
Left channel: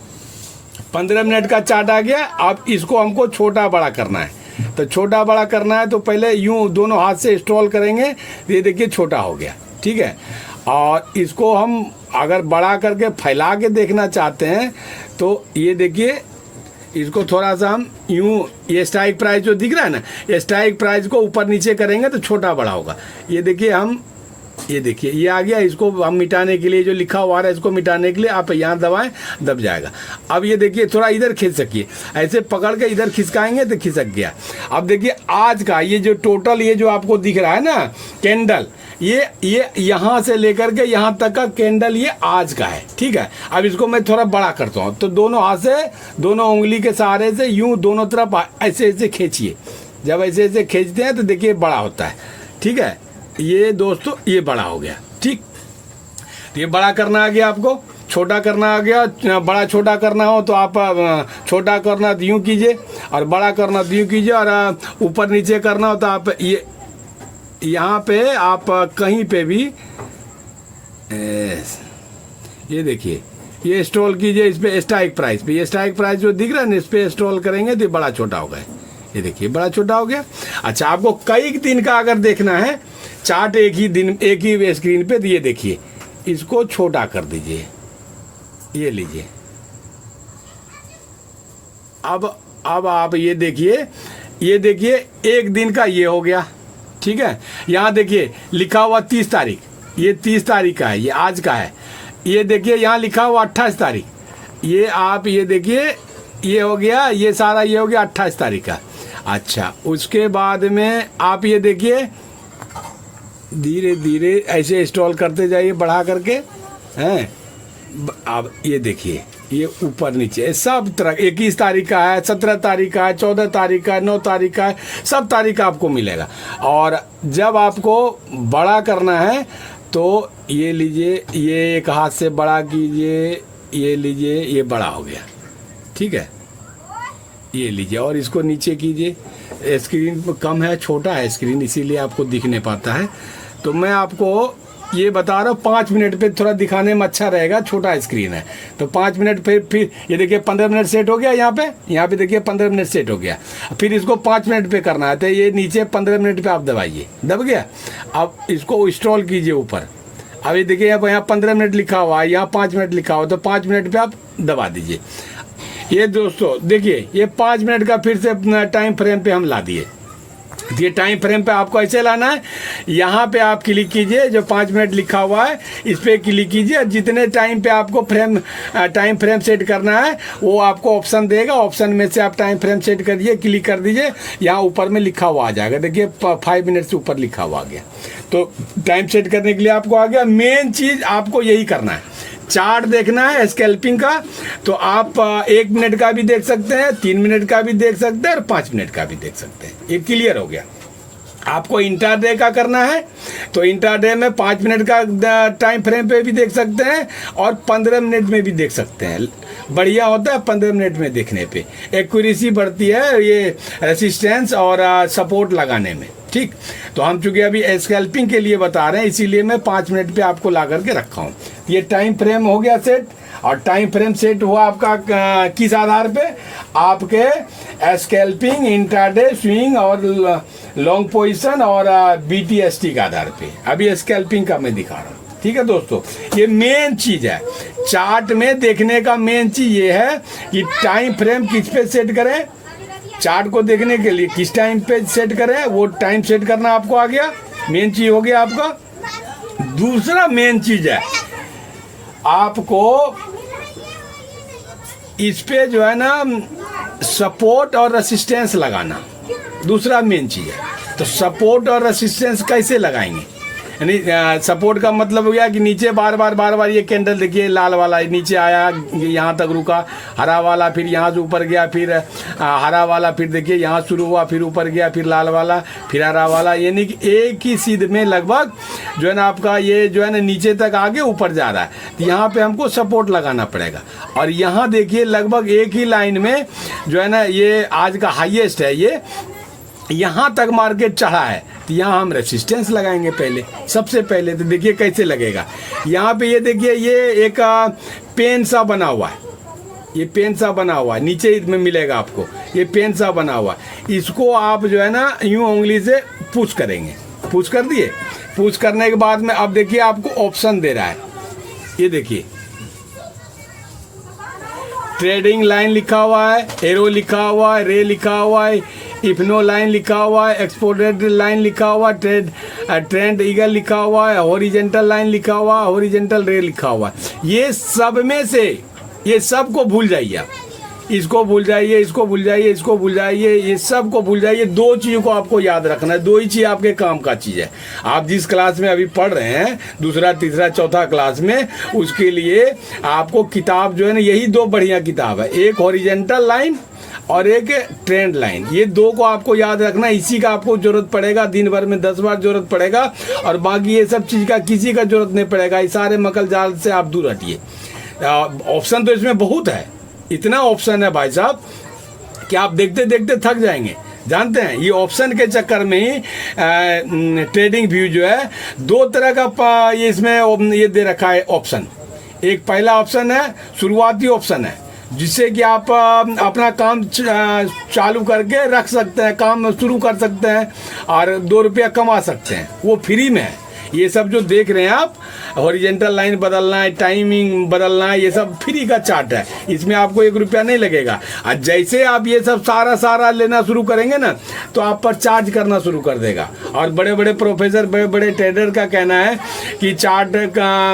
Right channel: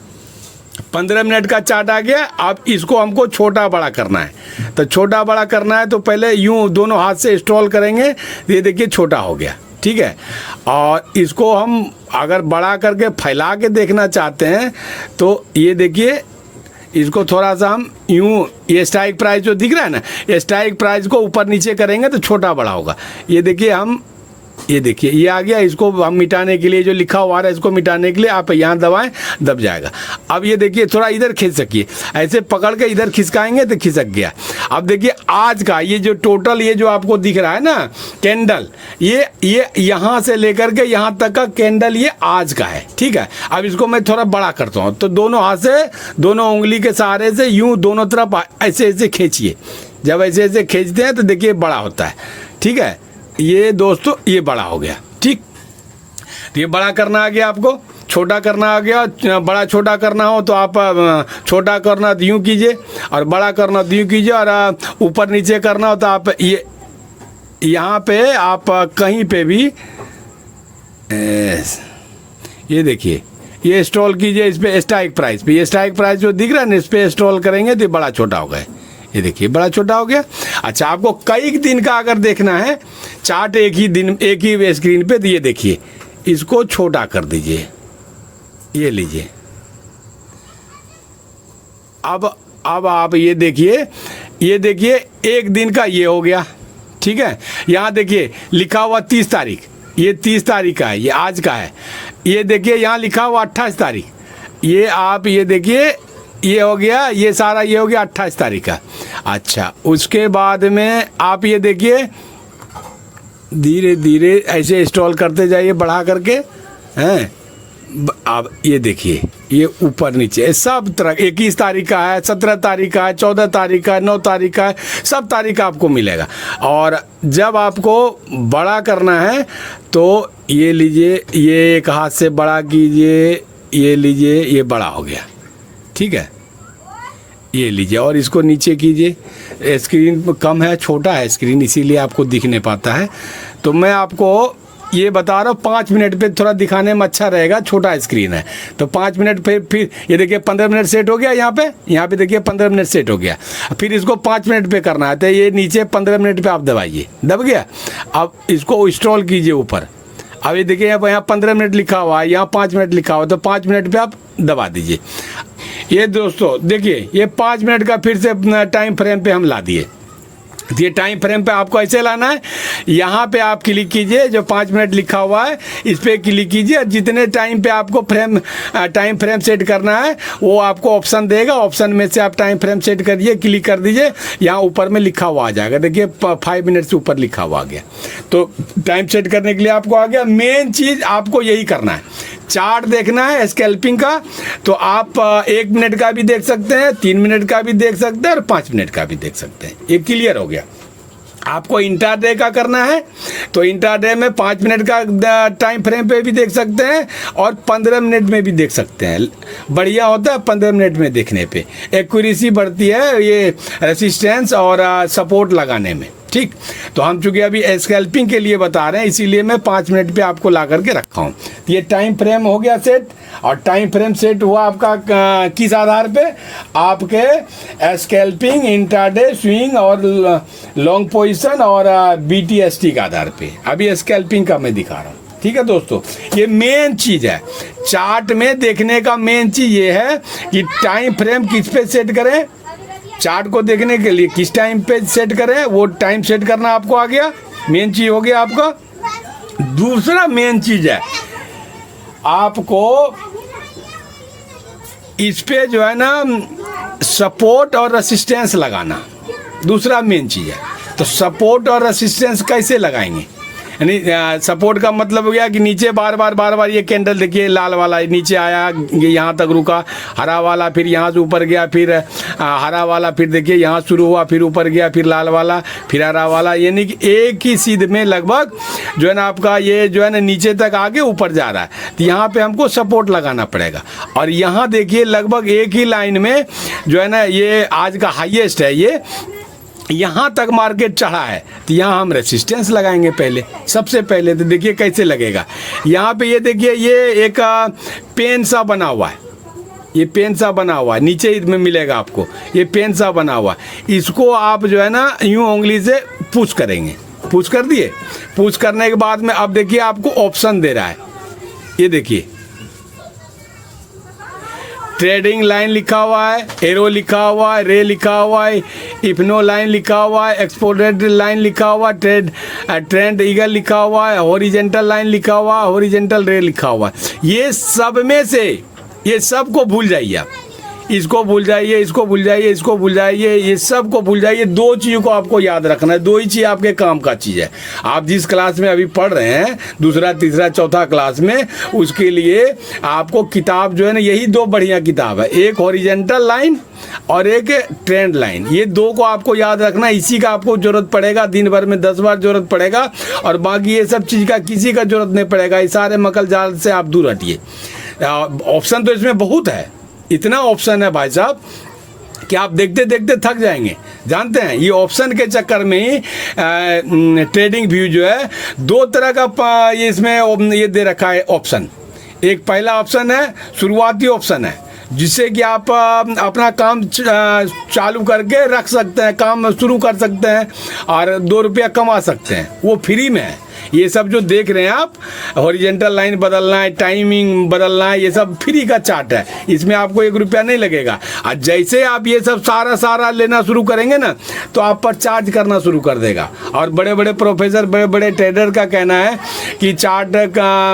15 मिनट का चार्ट आ गया। अब इसको हमको छोटा बड़ा करना है, तो छोटा बड़ा करना है तो पहले यूं दोनों हाथ से स्क्रॉल करेंगे, ये देखिए छोटा हो गया। ठीक है, और इसको हम अगर बड़ा करके फैला के देखना चाहते हैं तो ये देखिए, इसको थोड़ा सा हम यूं, ये स्ट्राइक प्राइस जो दिख रहा है ना, ये स्ट्राइक प्राइस को ऊपर नीचे करेंगे तो छोटा बड़ा होगा। ये देखिए हम, ये देखिए ये आ गया। इसको हम मिटाने के लिए जो लिखा हुआ है, इसको मिटाने के लिए आप यहाँ दबाएं, दब जाएगा। अब ये देखिए थोड़ा इधर खींच सकिए, ऐसे पकड़ के इधर खिसकाएंगे तो खिसक गया। अब देखिए आज का ये जो टोटल, ये जो आपको दिख रहा है ना कैंडल, ये यहाँ से लेकर के यहाँ तक का कैंडल ये आज का है। ठीक है, अब इसको मैं थोड़ा बड़ा करता हूँ, तो दोनों हाथ से, दोनों उंगली के सहारे से यूं दोनों तरफ ऐसे ऐसे खींचिए। जब ऐसे ऐसे खींचते हैं तो देखिए बड़ा होता है। ठीक है, ये दोस्तों ये बड़ा हो गया। ठीक, तो ये बड़ा करना आ गया आपको, छोटा करना आ गया। बड़ा छोटा करना हो तो आप छोटा करना यूं कीजिए, और बड़ा करना यूं कीजिए, और ऊपर नीचे करना हो तो आप ये यहाँ पे आप कहीं पे भी ये देखिए, ये स्क्रॉल कीजिए इस पे स्ट्राइक प्राइस पे, ये स्ट्राइक प्राइस जो दिख रहा है ना, इस पे स्क्रॉल करेंगे तो बड़ा छोटा हो गया। ये देखिए बड़ा छोटा हो गया। अच्छा, आपको कई दिन का अगर देखना है चार्ट, एक ही दिन एक ही स्क्रीन पे, ये देखिए इसको छोटा कर दीजिए, ये लीजिए। अब आप ये देखिए, ये देखिए 1 दिन का ये हो गया। ठीक है, यहाँ देखिए लिखा हुआ 30 तारीख, ये 30 तारीख का है, ये आज का है। ये देखिए यहाँ लिखा हुआ 28 तारीख, ये आप ये देखिए ये हो गया, ये सारा ये हो गया 28 तारीख का। अच्छा, उसके बाद में आप ये देखिए धीरे धीरे ऐसे स्क्रॉल करते जाइए बढ़ा करके हैं। अब ये देखिए ये ऊपर नीचे सब तरह, 21 तारीख का है, 17 तारीख का है, 14 तारीख का है, 9 तारीख का है, सब तारीख का आपको मिलेगा। और जब आपको बड़ा करना है तो ये लीजिए, ये एक हाथ से बड़ा कीजिए, ये लीजिए, ये बड़ा हो गया। ठीक है, ये लीजिए, और इसको नीचे कीजिए। स्क्रीन कम है, छोटा है स्क्रीन, इसीलिए आपको दिख नहीं पाता है। तो मैं आपको ये बता रहा हूँ 5 मिनट पे थोड़ा दिखाने में अच्छा रहेगा, छोटा स्क्रीन है तो 5 मिनट पे फिर ये देखिए 15 मिनट सेट हो गया। यहाँ पे देखिए 15 मिनट सेट हो गया। फिर इसको 5 मिनट पे करना है तो ये नीचे 15 मिनट पे आप दबाइए, दब गया। अब इसको स्क्रॉल कीजिए ऊपर। अब ये देखिए यहाँ 15 मिनट लिखा हुआ है, यहाँ 5 मिनट लिखा हुआ है, तो 5 मिनट पे आप दबा दीजिए। ये दोस्तों देखिए ये 5 मिनट का फिर से टाइम फ्रेम पे हम ला दिए। ये टाइम फ्रेम पे आपको ऐसे लाना है, यहाँ पे आप क्लिक कीजिए, जो 5 मिनट लिखा हुआ है इस पे क्लिक कीजिए, और जितने टाइम पे आपको टाइम फ्रेम सेट करना है वो आपको ऑप्शन देगा। ऑप्शन में से आप टाइम फ्रेम सेट करिए, क्लिक कर दीजिए, यहाँ ऊपर में लिखा हुआ आ जाएगा। देखिए 5 मिनट से ऊपर लिखा हुआ आ गया, तो टाइम सेट करने के लिए आपको आ गया। मेन चीज़ आपको यही करना है, चार्ट देखना है स्कैल्पिंग का, तो आप 1 मिनट का भी देख सकते हैं, 3 मिनट का भी देख सकते हैं, और 5 मिनट का भी देख सकते हैं। ये क्लियर हो गया। आपको इंट्राडे का करना है तो इंट्राडे में 5 मिनट का टाइम फ्रेम पे भी देख सकते हैं, और 15 मिनट में भी देख सकते हैं। बढ़िया होता है 15 मिनट में देखने पे, एक्यूरेसी बढ़ती है ये रेसिस्टेंस और सपोर्ट लगाने में। ठीक, तो हम चूंकि अभी स्कैल्पिंग के लिए बता रहे हैं, इसीलिए मैं 5 मिनट पे आपको ला करके रखा हूँ। ये टाइम फ्रेम हो गया सेट, और टाइम फ्रेम सेट हुआ आपका किस आधार पे? आपके स्कैल्पिंग, इंट्राडे, स्विंग और लॉन्ग पोजीशन और BTST के आधार पे। अभी स्कैल्पिंग का मैं दिखा रहा हूँ। ठीक है दोस्तों, ये मेन चीज है चार्ट में देखने का। मेन चीज ये है कि टाइम फ्रेम किस पे सेट करें, चार्ट को देखने के लिए किस टाइम पे सेट करें, वो टाइम सेट करना आपको आ गया। मेन चीज हो गया आपका। दूसरा मेन चीज है आपको इस पे जो है ना सपोर्ट और रेसिस्टेंस लगाना। दूसरा मेन चीज है, तो सपोर्ट और रेसिस्टेंस कैसे लगाएंगे? यानी सपोर्ट का मतलब हो गया कि नीचे बार बार ये कैंडल देखिए लाल वाला नीचे आया, ये यहाँ तक रुका, हरा वाला फिर यहाँ से ऊपर गया, फिर हरा वाला फिर देखिए यहाँ शुरू हुआ, फिर ऊपर गया, फिर लाल वाला, फिर हरा वाला, यानी कि एक ही सीध में लगभग जो है ना आपका ये जो है ना नीचे तक आगे ऊपर जा रहा है। तो यहाँ पे हमको सपोर्ट लगाना पड़ेगा। और यहाँ देखिए लगभग एक ही लाइन में जो है ना ये आज का हाईएस्ट है, ये यहाँ तक मार्केट चढ़ा है, तो यहाँ हम रेसिस्टेंस लगाएंगे पहले, सबसे पहले। तो देखिए कैसे लगेगा, यहाँ पे ये देखिए ये एक पेन सा बना हुआ है, ये पेन सा बना हुआ है, नीचे में मिलेगा आपको, ये पेन सा बना हुआ, इसको आप जो है ना यूं उंगली से पुश करेंगे, पुश कर दिए। पुश करने के बाद में अब देखिए आपको ऑप्शन दे रहा है, ये देखिए ट्रेडिंग लाइन लिखा हुआ है, एरो लिखा हुआ है, रे लिखा हुआ है, इफनो लाइन लिखा हुआ है, एक्सपोर्टेड लाइन लिखा हुआ है, ट्रेंड ईगल लिखा हुआ है, हॉरिजेंटल लाइन लिखा हुआ है, हॉरिजेंटल रे लिखा हुआ है। ये सब में से ये सब को भूल जाइए आप, इसको भूल जाइए, इसको भूल जाइए, इसको भूल जाइए, ये सब को भूल जाइए। दो चीज़ों को आपको याद रखना है, दो ही चीज़ आपके काम का चीज़ है। आप जिस क्लास में अभी पढ़ रहे हैं, दूसरा तीसरा चौथा क्लास में, उसके लिए आपको किताब जो है ना यही दो बढ़िया किताब है, एक हॉरिजेंटल लाइन और एक ट्रेंड लाइन। ये दो को आपको याद रखना, इसी का आपको जरूरत पड़ेगा, दिन भर में 10 बार जरूरत पड़ेगा, और बाकी ये सब चीज़ का किसी का जरूरत नहीं पड़ेगा। इस सारे मकल जाल से आप दूर हटिए। ऑप्शन तो इसमें बहुत है, इतना ऑप्शन है भाई साहब कि आप देखते देखते थक जाएंगे। जानते हैं ये ऑप्शन के चक्कर में ही ट्रेडिंग व्यू जो है दो तरह का ये इसमें ये दे रखा है ऑप्शन। एक पहला ऑप्शन है शुरुआती ऑप्शन है, जिससे कि आप अपना काम चालू करके रख सकते हैं, काम शुरू कर सकते हैं और 2 रुपया कमा सकते हैं, वो फ्री में है। ये सब जो देख रहे हैं आप, हॉरिजेंटल लाइन बदलना है, टाइमिंग बदलना है, ये सब फ्री का चार्ट है, इसमें आपको 1 रुपया नहीं लगेगा। और जैसे आप ये सब सारा लेना शुरू करेंगे ना, तो आप पर चार्ज करना शुरू कर देगा। और बड़े बड़े प्रोफेसर, बड़े बड़े ट्रेडर का कहना है कि चार्ट का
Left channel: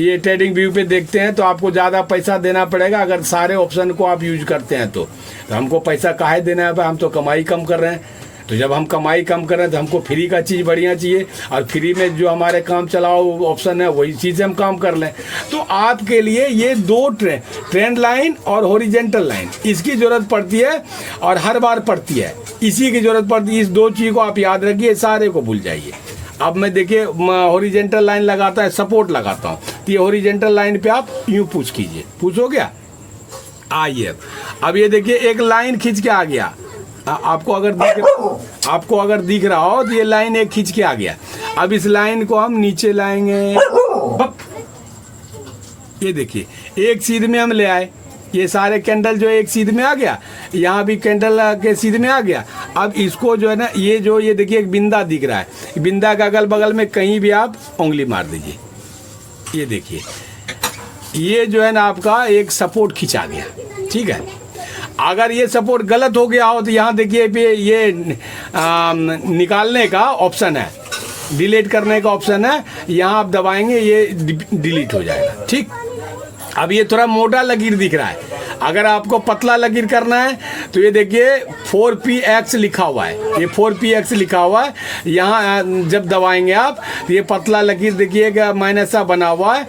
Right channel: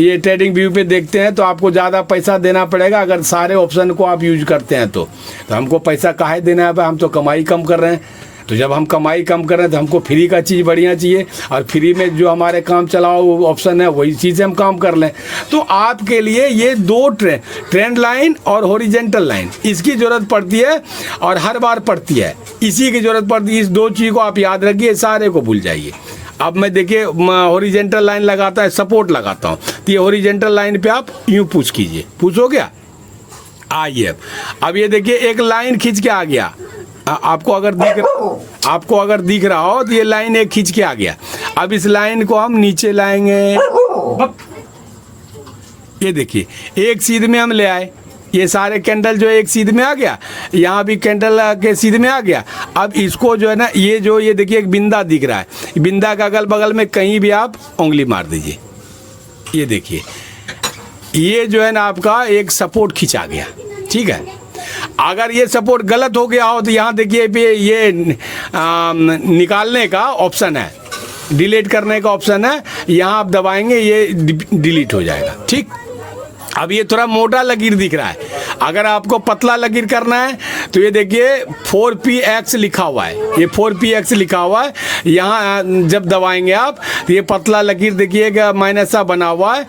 ये ट्रेडिंग व्यू पे देखते हैं तो आपको ज़्यादा पैसा देना पड़ेगा अगर सारे ऑप्शन को आप यूज करते हैं तो हमको पैसा काहे देना है, हम तो कमाई कम कर रहे हैं। तो जब हम कमाई कम कर रहे हैं तो हमको फ्री का चीज़ बढ़िया चाहिए, और फ्री में जो हमारे काम चलाओ वो ऑप्शन है, वही चीज़ हम काम कर लें। तो आपके लिए ये दो ट्रेंड लाइन और हॉरिजेंटल लाइन, इसकी ज़रूरत पड़ती है और हर बार पड़ती है, इसी की ज़रूरत पड़ती है। इस दो चीज़ को आप याद रखिए, सारे को भूल जाइए। अब मैं देखिए हॉरिजेंटल लाइन लगाता है, सपोर्ट लगाता हूँ, तो ये हॉरिजेंटल लाइन पे आप यूँ पुश कीजिए, पुश हो गया, आइए। अब ये देखिए एक लाइन खींच के आ गया, आपको अगर दिख रहा हो तो ये लाइन एक खींच के आ गया। अब इस लाइन को हम नीचे लाएंगे, ये देखिए एक सीध में हम ले आए, ये सारे कैंडल जो एक सीध में आ गया, यहाँ भी कैंडल के सीध में आ गया। अब इसको जो है ना ये देखिए एक बिंदा दिख रहा है, बिंदा का अगल बगल में कहीं भी आप उंगली मार दीजिए, ये देखिए ये जो है ना आपका एक सपोर्ट खींचा गया। ठीक है, अगर ये सपोर्ट गलत हो गया हो तो यहाँ देखिए ये निकालने का ऑप्शन है, डिलीट करने का ऑप्शन है, यहाँ आप दबाएंगे ये डिलीट हो जाएगा। ठीक, अब ये थोड़ा मोटा लकीर दिख रहा है, अगर आपको पतला लकीर करना है तो ये देखिए 4px लिखा हुआ है, ये 4px लिखा हुआ है, यहाँ जब दबाएंगे आप तो ये पतला लकीर देखिएगा माइनस सा बना हुआ है,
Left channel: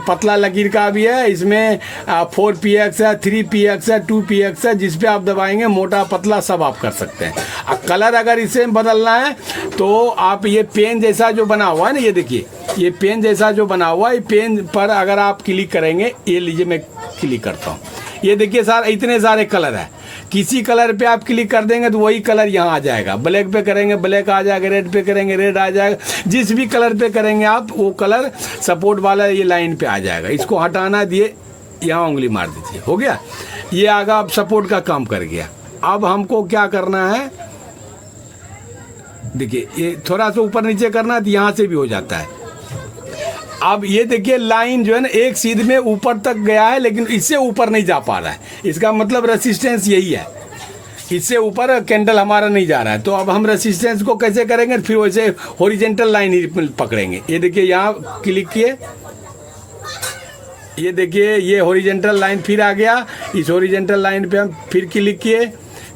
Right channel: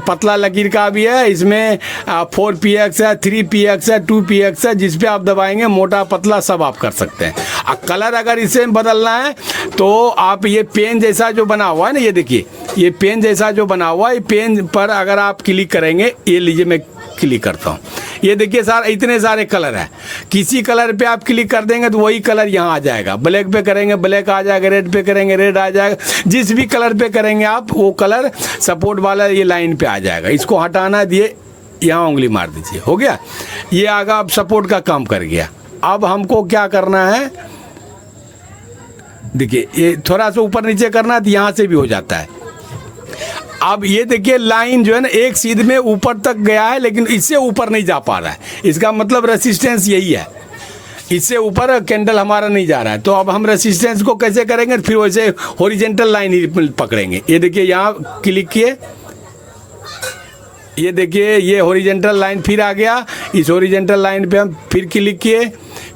पतला लकीर का भी है, इसमें 4px है, 3px है, 2px है, जिस पे आप दबाएंगे मोटा पतला सब आप कर सकते हैं। कलर अगर इसे बदलना है तो आप ये पेन जैसा जो बना हुआ है ना, ये देखिए ये पेन जैसा जो बना हुआ है, ये पेन पर अगर आप क्लिक करेंगे, ये लीजिए मैं क्लिक करता हूँ, ये देखिए सर इतने सारे कलर है, किसी कलर पे आप क्लिक कर देंगे तो वही कलर यहाँ आ जाएगा, ब्लैक पे करेंगे ब्लैक आ जाएगा, रेड पे करेंगे रेड आ जाएगा, जिस भी कलर पे करेंगे आप वो कलर सपोर्ट वाला ये लाइन पे आ जाएगा। इसको हटाना दिए, यहाँ उंगली मार दीजिए, हो गया, ये आगा अब सपोर्ट का काम कर गया। अब हमको क्या करना है, देखिए ये थोड़ा सा ऊपर नीचे करना है तो यहाँ से भी हो जाता है। अब ये देखिए लाइन जो है ना एक सीध में ऊपर तक गया है, लेकिन इससे ऊपर नहीं जा पा रहा है, इसका मतलब रेसिस्टेंस यही है, इससे ऊपर कैंडल हमारा नहीं जा रहा है। तो अब हम रेसिस्टेंस को कैसे करेंगे, फिर वैसे हॉरिजेंटल लाइन ही पकड़ेंगे। ये देखिए यहाँ क्लिक किए, ये देखिए ये हॉरिजेंटल लाइन फिर आ गया, इस हॉरिजेंटल लाइन पे हम फिर क्लिक किए,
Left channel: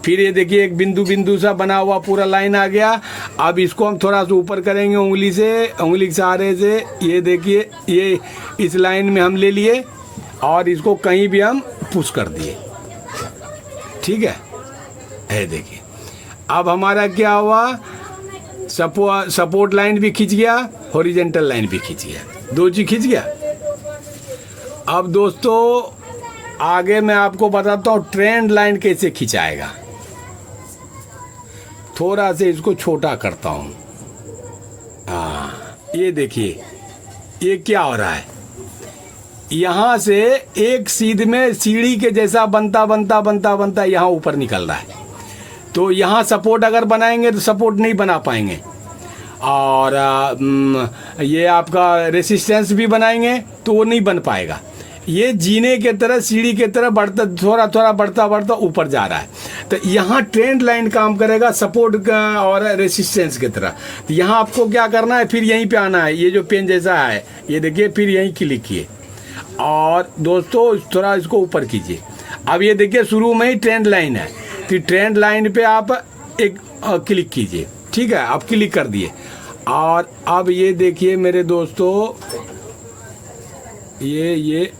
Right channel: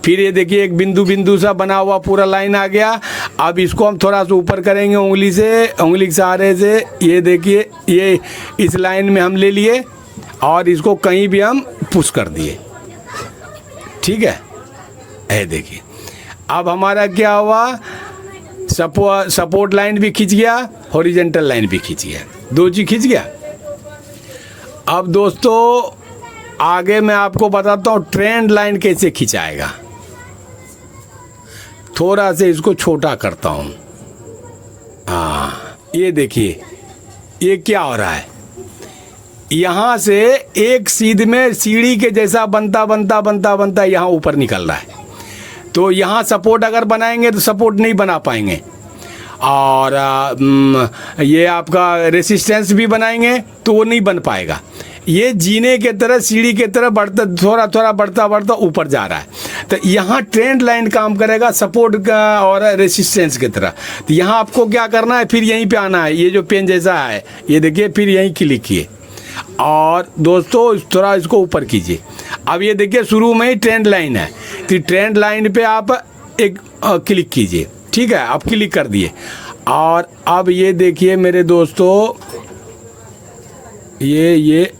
फिर ये देखिए एक बिंदु बिंदु सा बना हुआ पूरा लाइन आ गया। अब इसको हम थोड़ा सा ऊपर करेंगे उंगली के सहारे से। ये देखिए ये इस लाइन में हम ले लिए और इसको कहीं भी हम पुश कर दिए, ठीक है। ये देखिए अब हमारा क्या हुआ, सपोर्ट लाइन भी खींच गया, हॉरिजॉन्टल लाइन भी खींच गया, दो चीज खींच गया। अब दोस्तों आगे मैं आपको बताता हूँ ट्रेंड लाइन कैसे खिंचाएगा। थोड़ा से इसको छोटा करता हूँ। हाँ ये देखिए ये क्या हो रहा है, यहाँ से एक सीध में सीढ़ी के जैसा बनता यहाँ ऊपर निकल रहा है। तो यहाँ सपोर्ट अगर बनाएंगे तो सपोर्ट नहीं बना पाएंगे, और ये आपका रेसिस्टेंस भी बनाएंगे तो वो नहीं बन पाएगा। ये जीने के तरह सीढ़ी के तरह बढ़ता थोड़ा बढ़ता ऊपर जा रहा है। तो यहाँ ट्रेंड लाइन काम करेगा सपोर्ट का और रेसिस्टेंस की तरह। तो यहाँ आपको क्या करना है, फिर यहीं पे आना है, ये जो पेन जैसा है ये देखिए, फिर यहीं क्लिक किए और दोस्तों थोड़ा इसको ऊपर कीजिए। अब ये देखिए शुरू में ही ट्रेंड लाइन है, तो ट्रेंड लाइन पे आप एक क्लिक कीजिए, ठीक है। आप क्लिक कर दिए और अब ये देखिए मेरे दोस्तों, ये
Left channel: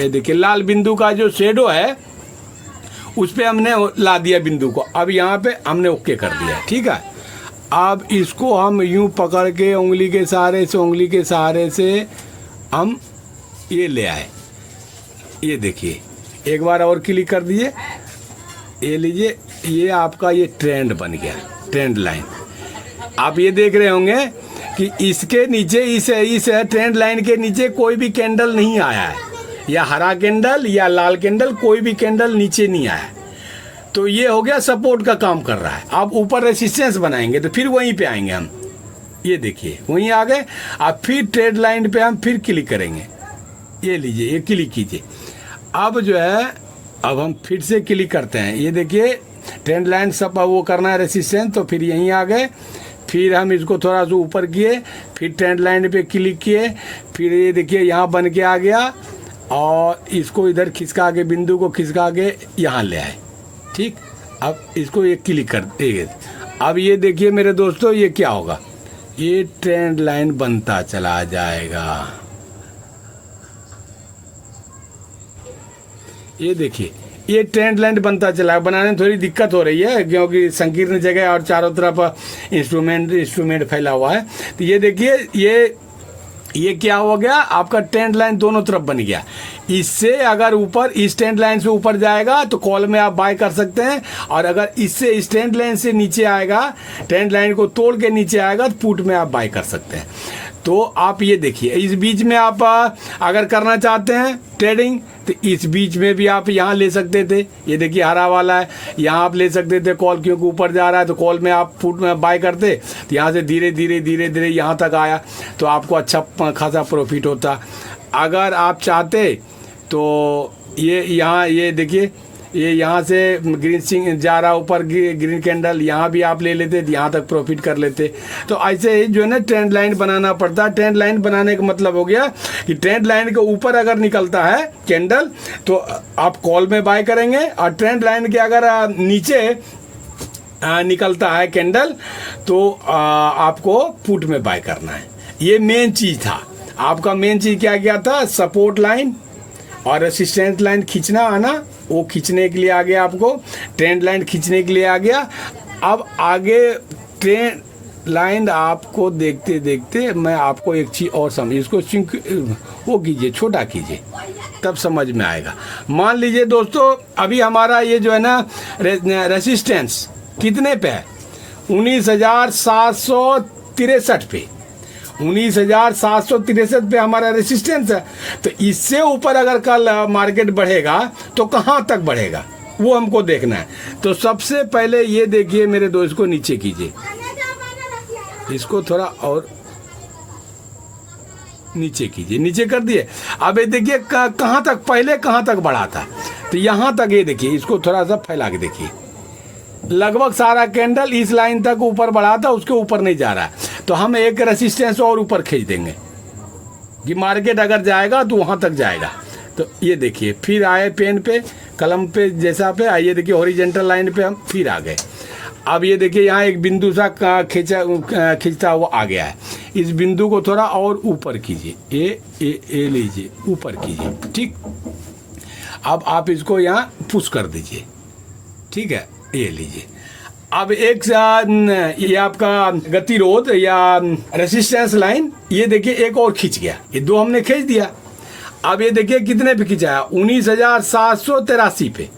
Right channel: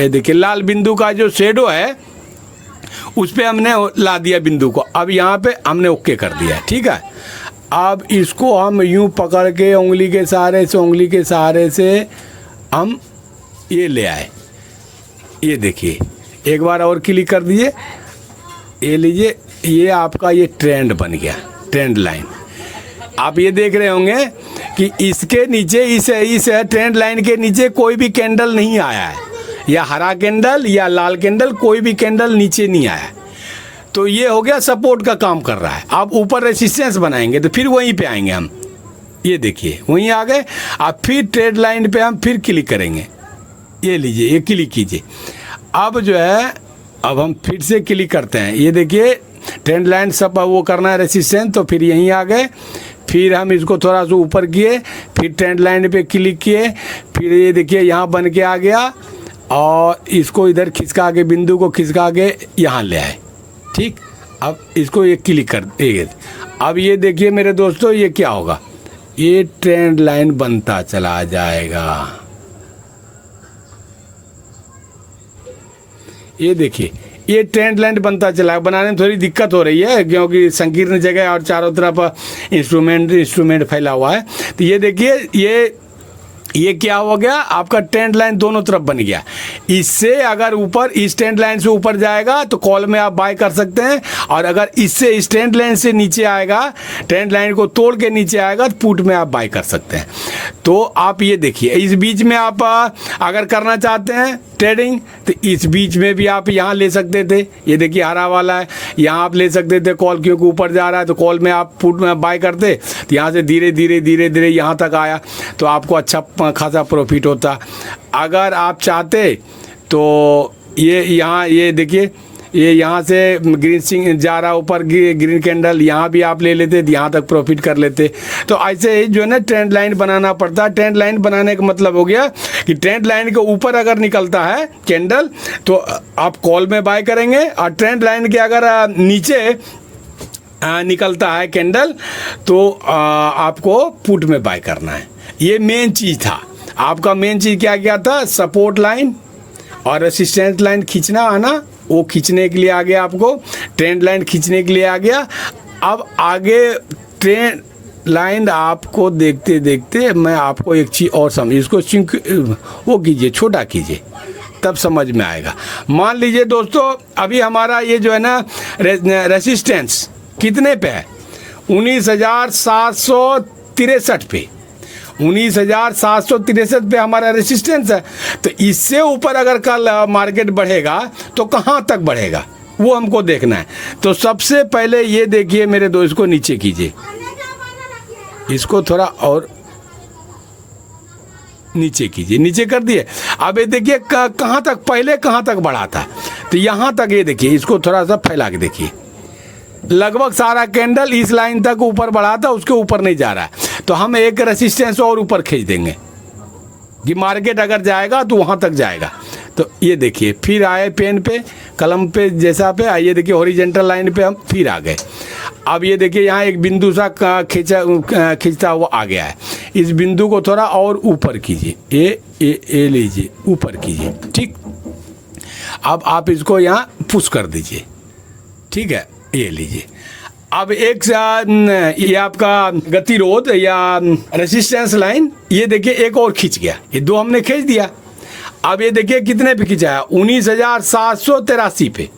देखिए लाल बिंदु का जो शेडो है उस पे हमने ला दिया बिंदु को। अब यहाँ पे हमने ओके कर दिया, ठीक है। अब इसको हम यूं पकड़ के उंगली के सहारे से हम ये ले आए। ये देखिए एक बार और क्लिक कर दिए, ये लीजिए, ये आपका ये ट्रेंड बन गया, ट्रेंड लाइन। आप ये देख रहे होंगे कि इसके नीचे इस ट्रेंड लाइन के नीचे कोई भी कैंडल नहीं आया है, या हरा कैंडल या लाल कैंडल, कोई भी कैंडल नीचे नहीं आया। तो ये हो गया सपोर्ट का काम कर रहा है। आप ऊपर रेसिस्टेंस बनाएंगे तो फिर वहीं पे आएंगे हम, ये देखिए वहीं आ गए। आप फिर ट्रेंड लाइन पे हम फिर क्लिक करेंगे, ये लीजिए ये क्लिक कीजिए। अब जो है अब हम फिर से क्लिक करते हैं, ये देखिए ट्रेंड लाइन सब वो करना है रेसिस्टेंस, तो फिर यहीं आ गए। फिर हम इसको थोड़ा सा ऊपर किए, फिर ट्रेंड लाइन पे क्लिक किए, फिर ये देखिए यहाँ बन के आ गया और इसको इधर खिसका के बिंदु को खिसका के यहाँ ले आए, ठीक। अब इसको ये क्लिक कर, अब ये देखिए मेरे दोस्तों ये क्या होगा, ये ट्रेंड लाइन बनता चला जाएगा। ये देखिए ये ट्रेंड लाइन बनता चला, बनाने में थोड़ी दिक्कत हो रही है क्योंकि संकीर्ण जगह और चारों तरफ इंस्ट्रूमेंट फैला हुआ है। तो ये देखिए ये क्या हो गया, आपका ट्रेंड लाइन दोनों तरफ बन गया। इससे अगर ऊपर इस ट्रेंड लाइन से ऊपर जाएगा तो कॉल में आप बाय कर सकते हैं, और अगर इससे इस ट्रेंड लाइन से नीचे आएगा, ट्रेंड लाइन को तोड़ के नीचे आएगा तो पुट में आप बाय कर सकते हैं। तो आप ये देखिए इस बीच में आप अगर करना चाहते हैं ट्रेडिंग तो इस बीच में भी आप यहाँ ले सकते थे। ये देखिए हरा वाला है, यहाँ आप ले सकते थे कॉल, क्योंकि ऊपर जा रहा है तो कॉल में आप पुट में बाय करते, तो यहाँ से धीरे धीरे यहाँ तक आया तो आपको अच्छा खासा प्रॉफिट होता। अगर आप चाहते तो ये यहाँ ये देखिए ये यहाँ से ग्रीन सिंग जा रहा ऊपर ग्रीन कैंडल, यहाँ भी आप ले लेते, यहाँ तक प्रॉफिट कर लेते। तो ऐसे जो है ना ट्रेंड लाइन बनाना पड़ता है। ट्रेंड लाइन बनाने का मतलब हो गया कि ट्रेंड लाइन के ऊपर अगर निकलता है कैंडल तो आप कॉल में बाय करेंगे, और ट्रेंड लाइन के अगर नीचे निकलता है कैंडल तो आपको पुट में बाय करना है। ये मेन चीज़ था आपका। मेन चीज़ क्या था, सपोर्ट लाइन और रेसिस्टेंस लाइन खींचना आना, वो खींचने के लिए आ गया आपको, ट्रेंड लाइन खींचने के लिए आ गया। अब आगे ट्रेंड लाइन आपको देखते देखते मैं आपको एक चीज़ और समझ, इसको वो कीजिए, छोटा कीजिए, तब समझ में आएगा। मान लीजिए दोस्तों अभी हमारा ये जो है ना रेसिस्टेंस कितने पे है, 19,763 पे, 19,763 पे हमारा रेसिस्टेंस है। तो इससे ऊपर अगर कल मार्केट बढ़ेगा तो कहाँ तक बढ़ेगा वो हमको देखना है। तो सबसे पहले ये देखिए मेरे दोस्त, को नीचे कीजिए, इसको थोड़ा और नीचे कीजिए, नीचे कर दिए। अब ये देखिए कहाँ तक, पहले कहाँ तक बढ़ा था, तो यहाँ तक। ये देखिए इसको थोड़ा सा फैला के देखिए, लगभग सारा कैंडल इस लाइन तक ऊपर बढ़ा था, उसके ऊपर नहीं जा रहा। तो हम एक रेसिस्टेंस और ऊपर खींच देंगे कि मार्केट अगर जाएगा तो वहां तक जाएगा। तो ये देखिए फिर आए पेन पे, कलम पे जैसा पे आइए, देखिए हॉरिजेंटल लाइन पे हम फिर आ गए। अब ये देखिए यहाँ एक बिंदु सा खींचता हुआ आ गया है। इस बिंदु को थोड़ा और ऊपर कीजिए, ए लीजिए, ऊपर कीजिए, ठीक। अब आप इसको यहाँ पुश कर दीजिए, ठीक है, ये लीजिए। अब एक ये आपका गतिरोध या रेसिस्टेंस लाइन, ये देखिए एक और खींच गया, ये दो हमने खींच दिया। अब ये देखिए कितने पे खिंचाया, 19,783 पे।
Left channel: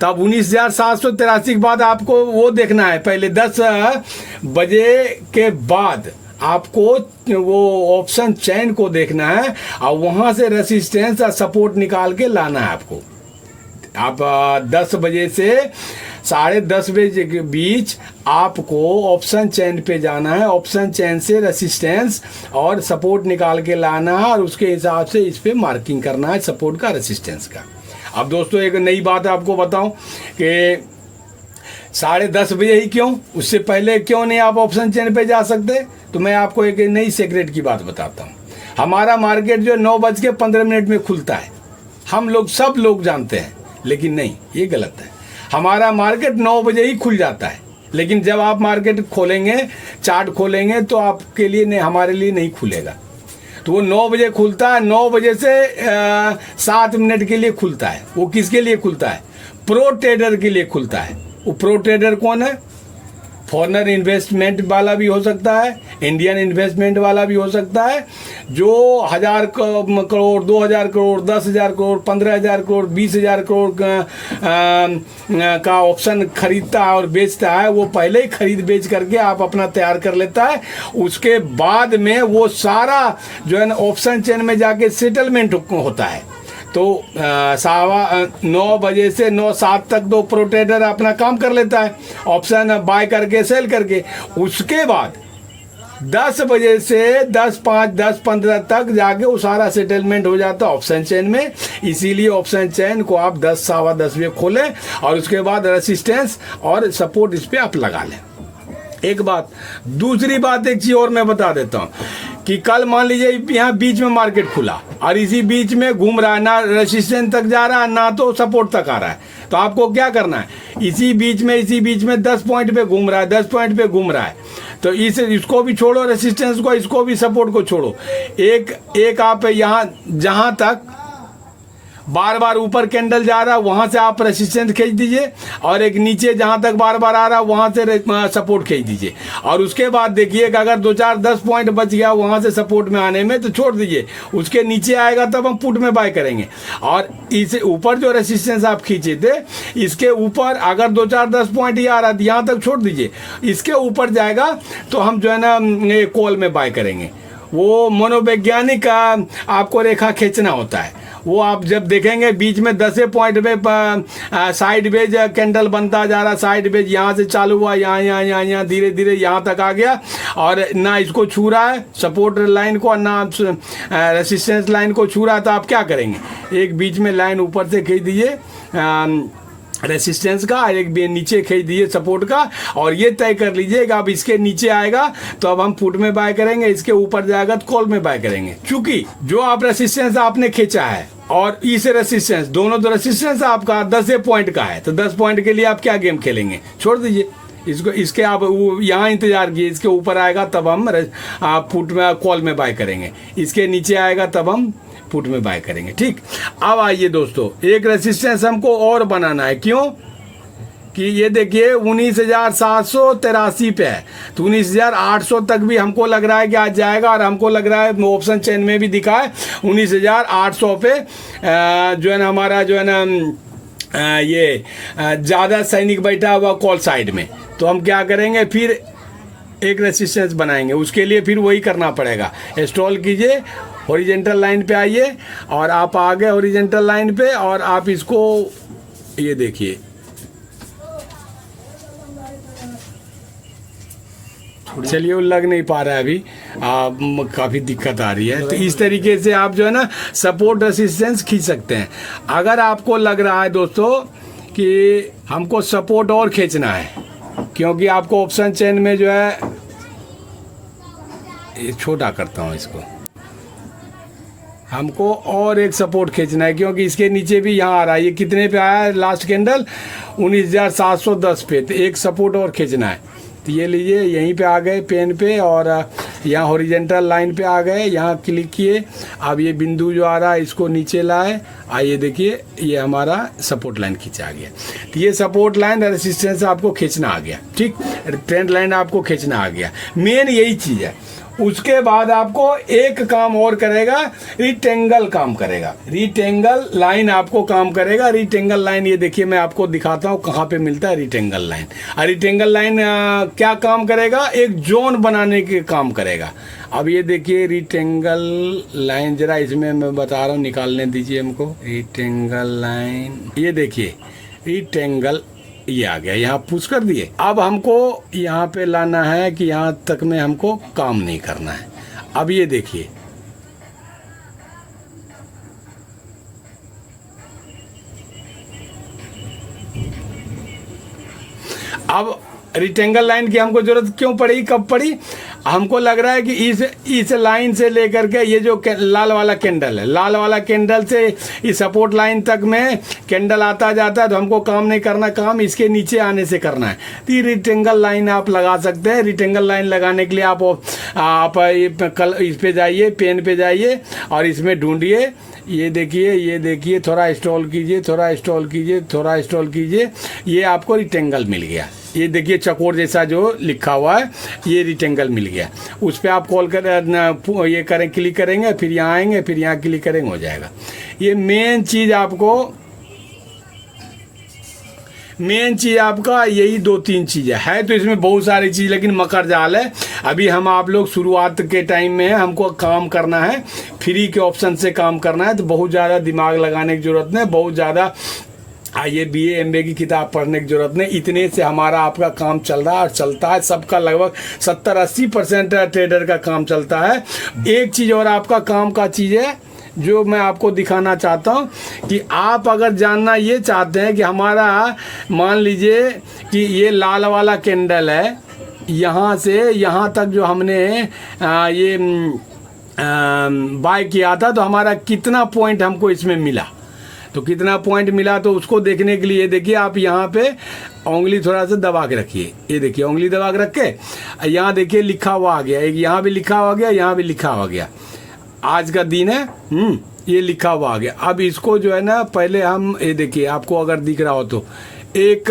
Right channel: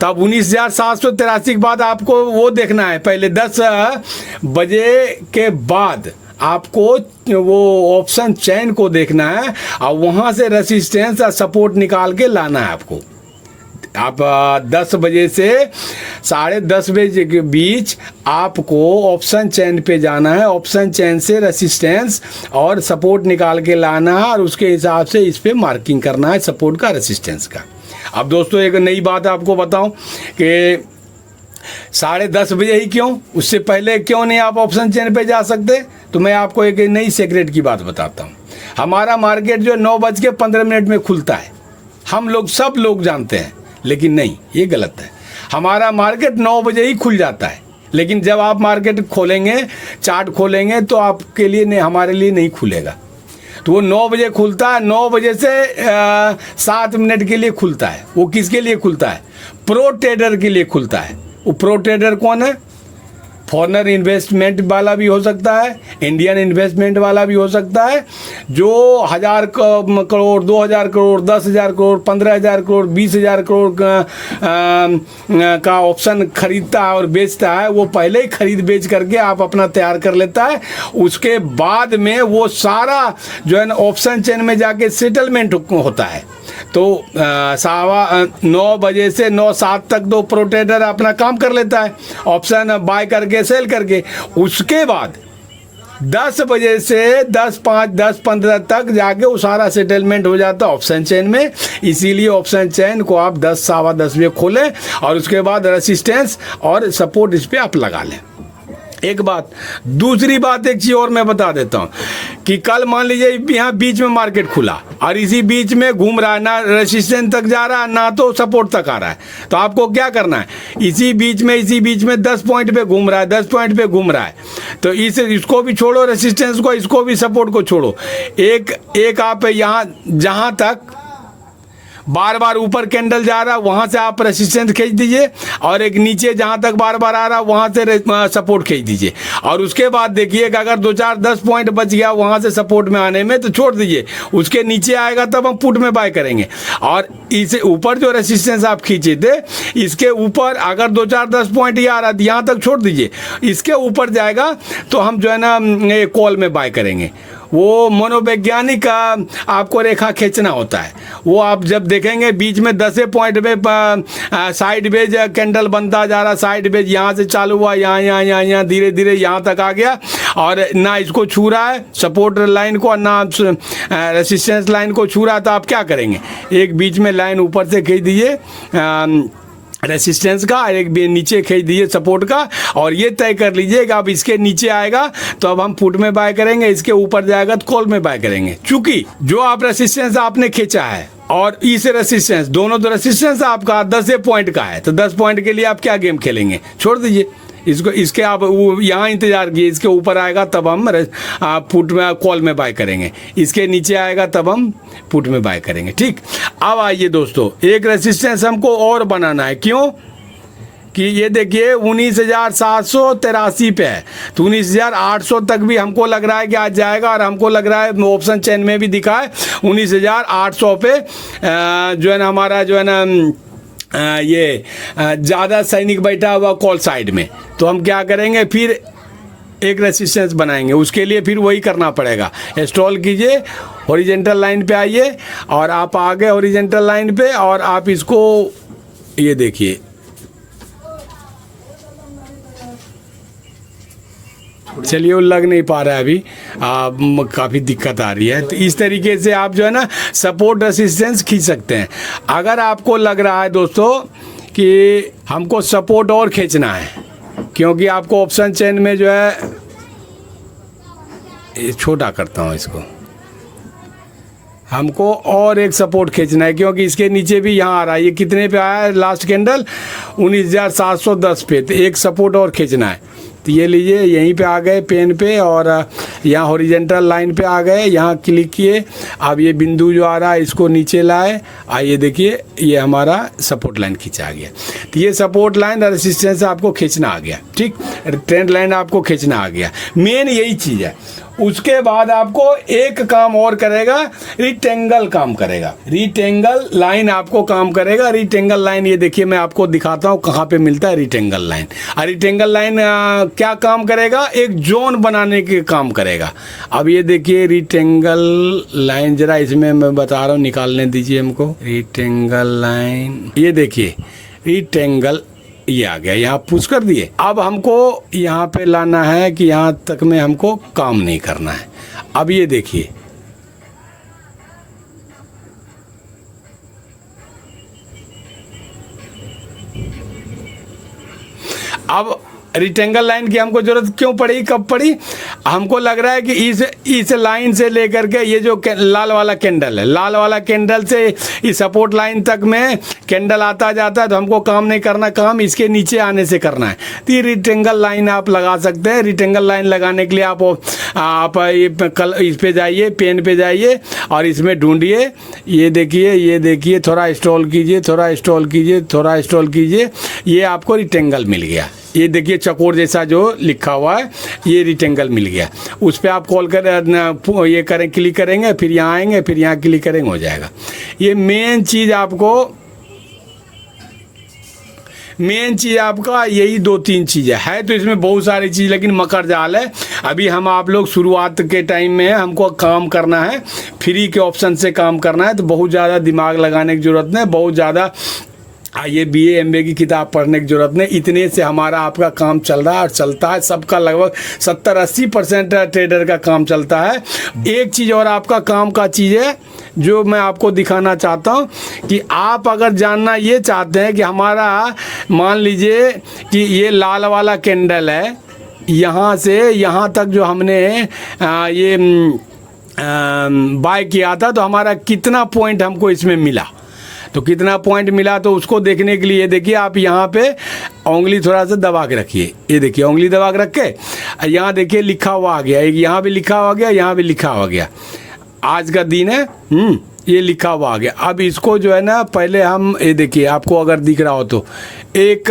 तब 19,783 के बाद आपको वो देखना है, पहले 10 बजे के बाद आपको वो ऑप्शन चेन को देखना है और वहां से रेसिस्टेंस और सपोर्ट निकाल के लाना है आपको। आप 10 बजे से 10:30 बजे के बीच आपको ऑप्शन चेन पे जाना है, ऑप्शन चेन से रेसिस्टेंस और सपोर्ट निकाल के लाना है और उसके हिसाब से इस पे मार्किंग करना है सपोर्ट का, रेसिस्टेंस का। अब दोस्तों एक नई बात आपको बताऊं कि 10:30 बजे ही क्यों, उससे पहले क्यों नहीं आप ऑप्शन चेन पे जा सकते? तो मैं आपको एक नई सीक्रेट की बात बताता हूँ। हमारा मार्केट जो 9:15 में खुलता है, हम लोग सब लोग जानते हैं, लेकिन नहीं, ये गलत है। हमारा मार्केट 9 बजे ही खुल जाता है, लेकिन जब आप मार्केट खोलेंगे, चार्ट खोलेंगे, तो आपके लिए नहीं, हमारे लिए नहीं खुलेगा। तो वो 9 बजे खुलता है, 9 बजे से 7 मिनट के लिए खुलता है। वो किसके लिए खुलता है? प्रो ट्रेडर के लिए खुलता है। वो प्रो ट्रेडर कौन है? फॉरेनर इन्वेस्टमेंट वाला भी हो सकता है, इंडियन इन्वेस्टमेंट वाला भी हो सकता है, जो 1,000 करोड़, 2,000 करोड़, 10,000 करोड़, 15,000 करोड़, 20,000 करोड़ का ऑप्शन खरीदता है और बेचता है। वो पहले ही खरीद बेच करके आप अपना तैयार कर लेता है। उसके बाद में वो सारा जो है ना ऑप्शन चेन में जाके सेटलमेंट होता है। तो 9:15 बजे से 9:07 तक दो प्रो ट्रेडर अपना काम कर लेता है, ऑप्शन बाय करके सेल करके। उसके बाद 10 बजे से 10:05, 10:15 तक जाके वो सारा सेटलमेंट हो जाता है ऑप्शन चेन में। इसीलिए ऑप्शन चेन को आप 10, 10:15 बजे खोलें और उसके बाद रेसिस्टेंस और सपोर्ट इस पे आप लगा लें। एक बात। दूसरी बात एक चीज और मैं बता देता हूं कि कल मान लीजिए यहाँ बीच में मार्केट खुला और इसी बीच में घूम रहा है, ना रेसिस्टेंस तक जा रहा है ना तो सपोर्ट तक आ रहा है। तो आपको क्या करना है, इसी बीच में 10 पॉइंट पे घूम रहा है, 10 पॉइंट पे घूम रहा है, तो इसको भी छोड़ो, रेसिस्टेंस को, इसको भी, सपोर्ट को छोड़ो। एक आप यहाँ जहां तक बार बार ऊपर कैंडल जा रहा है वहां से आप रेसिस्टेंस खींच दीजिए और एक नीचे जहां तक बार बार आ रहा है वहां से सपोर्ट खींच दीजिए। और उसके बाद देखिए कि अगर 2-4-10 पॉइंट बच गया वहां से सपोर्ट में आने में, तो छोड़ दीजिए। उसके नीचे आएगा तब हम पुट में बाय करेंगे। और इसे ऊपर जो रेसिस्टेंस आप खींचे थे, इसके ऊपर अगर 2-4-10 पॉइंट ही आ रहा है यहाँ तक छोड़ दीजिए। इसके ऊपर जाएगा तो हम जो है ना कॉल में बाय करेंगे। वो मनोवैज्ञानिक आपको रेखा खींचना होता है। वो आप जब देखेंगे बीच में 10 पॉइंट पे साइड वेज कैंडल बनता जा रहा, साइड वेज यहाँ से चालू हुआ, यहाँ धीरे धीरे यहाँ तक आ गया और ना इसको छू रहा है सपोर्ट लाइन को, ना रेसिस्टेंस लाइन को छू रहा है, तो आप क्या करेंगे, एक बीच में लाइन ऊपर से खींच दीजिए रेसिस्टेंस का, एक नीचे खींच दीजिए सपोर्ट का, और ये तय कर लीजिए कि अब इसके नीचे आएगा तो अब हम पुट में बाय करेंगे, इसके ऊपर जाएगा तो कॉल में बाय करेंगे। चूंकि जो आप रेसिस्टेंस आपने खींचा है और इस रेसिस्टेंस, दोनों तो रेसिस्टेंस आपका 10 पॉइंट का है, तो 10 पॉइंट के लिए आप क्या गेम खेलेंगे, छोड़ दीजिए इसको। इसके आप यहाँ इंतजार कीजिए, इसके ऊपर आएगा तब हम पुट में, कॉल में बाय करेंगे, इसके नीचे आएगा तब हम पुट में बाय करेंगे। ठीक, अब आइए दोस्तों, एक रेसिस्टेंस हमको और बनाना है। क्यों कि ये देखिए 19,783 पे है, तो 19,800 तक भी हमको लग रहा है कि आज जाएगा, और हमको लग रहा है ऑप्शन चेन में भी दिखा है 19,800 पे जो है ना हमारा जो है ना ये ज़्यादा सैनिक बैठा हुआ कॉल साइड में। तो हम क्या करेंगे, फिर एक रेसिस्टेंस बनाएंगे। उसके लिए फिर वही करना पड़ेगा, इंस्टॉल कीजिए, हॉरिजेंटल लाइन पे आइए और आप आ गए हॉरिजेंटल लाइन पे, और आप इसको ये देखिए, चलिए वो लग नहीं पा रहा है अभी, काफ़ी दिक्कत आ रही है। तो इस तरीके से आप जो है ना सपोर्ट रेसिस्टेंस खींच सकते हैं। अगर आपको लग रहा है दोस्तों कि हमको सपोर्ट और खींचना है, क्योंकि आपको ऑप्शन चेन में जो है, छोटा करता हूँ इसको, हमको और एक सपोर्ट खींचना है, क्योंकि इसके नीचे भी यहाँ आ रहा है। ये कितने पे आया है लास्ट कैंडल? 19,710 पे। तो एक सपोर्ट और खींचना है। तो ये लीजिए, यहीं पे आ गए पेन पे, और यहाँ हॉरिजेंटल लाइन पे आ गए, यहाँ क्लिक किए। अब ये बिंदु जो आ रहा है इसको नीचे लाए, आइए देखिए ये हमारा सपोर्ट लाइन खींचा गया। तो ये सपोर्ट लाइन और रेसिस्टेंस आपको खींचना आ गया, ठीक। ट्रेंड लाइन आपको खींचना आ गया, मेन यही चीज़ है। उसके बाद आपको एक काम और करेगा, रिटेंगल काम करेगा। रिटेंगल लाइन आपको काम करेगा। रिटेंगल लाइन ये देखिए, मैं आपको दिखाता हूँ कहाँ पे मिलता है रिटेंगल लाइन। और रिटेंगल लाइन क्या काम करेगा? एक जोन बनाने के काम करेगा। अब ये देखिए रिटेंगल लाइन, जरा इसमें मैं बता रहा हूँ, निकालने दीजिए हमको। रिटेंगल लाइन, ये देखिए रिटेंगल, ये आ गया, यहाँ पुश कर दिए। अब हमको यहाँ पे लाना है कि यहाँ तक में हमको काम नहीं करना है। अब ये देखिए, अब रिटेंगल लाइन की हमको जरूरत क्यों पड़ी, कब पड़ी? हमको लग रहा है कि इस लाइन से लेकर के ये जो लाल वाला कैंडल है, लाल वाला कैंडल से इस सपोर्ट लाइन तक में कैंडल आता जाता है, तो हमको काम नहीं करना, काम इसके नीचे आने से करना है। तो ये रिटेंगल लाइन आप लगा सकते हैं। रिटेंगल लाइन लगाने के लिए आप इस पे जाइए, पेन पे जाइए और इसमें ढूंढिए। ये देखिए, थोड़ा स्क्रॉल कीजिए, थोड़ा स्क्रॉल कीजिए, थोड़ा स्क्रॉल कीजिए, ये आपको रिटेंगल मिल गया। ये देखिए चकोर जैसा जो लिखा हुआ है, ये रिटेंगल मिल गया। उस पर आप कॉल कर ये करें, क्लिक करेंगे, फिर यहाँ आएंगे, फिर यहाँ क्लिक करेंगे, हो जाएगा। ये मेन चीज़ आपका यही 2-3 चीज़ें है। तो इसमें बहुत सारी चीज़, लेकिन मकर जाल है। अभी हम आप लोग शुरुआत के टाइम में है, हमको काम करना है, फ्री के ऑप्शन से काम करना है। तो बहुत ज़्यादा दिमाग लगाने की ज़रूरत नहीं, बहुत ज़्यादा ये BA MBA की किताब पढ़ने की जरूरत नहीं। इतने से हमारा आपका काम चल रहा है और चलता है। सबका लगभग 70-80% ट्रेडर का काम चलता है। एक चीज़ और आपका काम का चीज़ है जो मैं आपको दिखाना चाहता हूँ, कि आप अगर जानना ये चाहते हैं कि हमारा, मान लीजिए कि ये लाल वाला कैंडल है, यहाँ से यहाँ तक जो हमने ये बाय किया था, तो हमारा कितना पॉइंट हमको इसमें मिला। तो कितना पॉइंट मिला, तो उसको देखने के लिए देखिए, आप यहाँ पे उंगली थोड़ा सा दबा के रखिए। ये देखिए उंगली दबा के रख के यहाँ देखिए लिखा हुआ आ गया, एक यहाँ भी लिखा हुआ गया, यहाँ भी लिखा हुआ गया, आज का दिन है, ये लिखा हुआ आ गया। अब इसको जो है ना, पहले हम ये देखिए, आपको अगर दिख रहा हो तो एक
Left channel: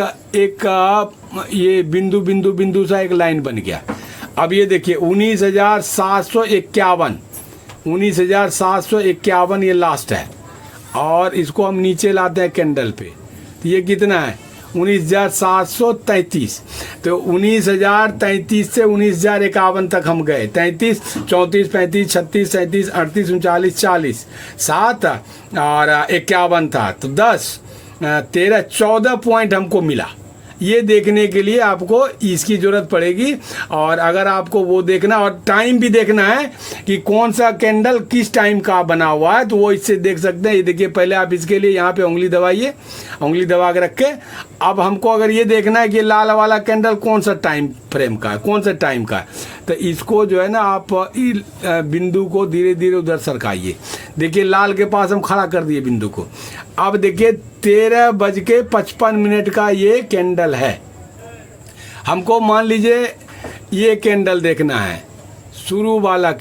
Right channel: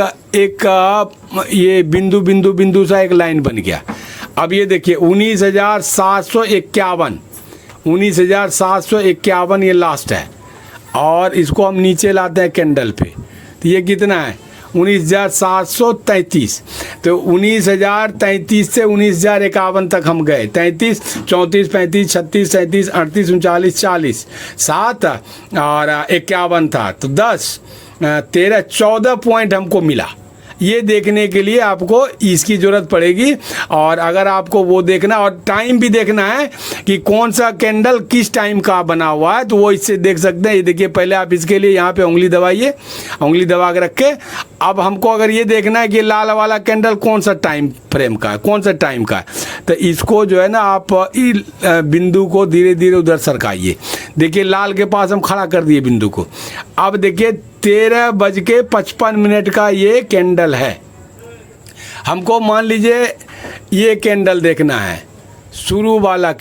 ये बिंदु बिंदु बिंदु सा एक लाइन बन गया। अब ये देखिए 19,751 ये लास्ट है, और इसको हम नीचे लाते हैं कैंडल पे, तो ये कितना है? 19,733। तो 19,033 से 19,051 तक हम गए। 33, 34, 35, 36, 37, 38, 39, 40, 7 और 51 था, तो 10, 13, 14 पॉइंट हमको मिला। ये देखने के लिए आपको इसकी ज़रूरत पड़ेगी, और अगर आपको वो देखना और टाइम भी देखना है कि कौन सा कैंडल किस टाइम का बना हुआ है, तो वो इससे देख सकते हैं। ये देखिए, पहले आप इसके लिए यहाँ पे उंगली दबाइए, उंगली दबा के रख के। अब हमको अगर ये देखना है कि लाल वाला कैंडल कौन सा टाइम फ्रेम का है, कौन सा टाइम का है, तो इसको जो है ना, आप बिंदु को धीरे धीरे उधर सरकाइए। देखिए लाल के पास हम खड़ा कर दिए बिंदु को। अब देखिए 13:55 का ये कैंडल है। हमको मान लीजिए ये कैंडल देखना है, शुरू वाला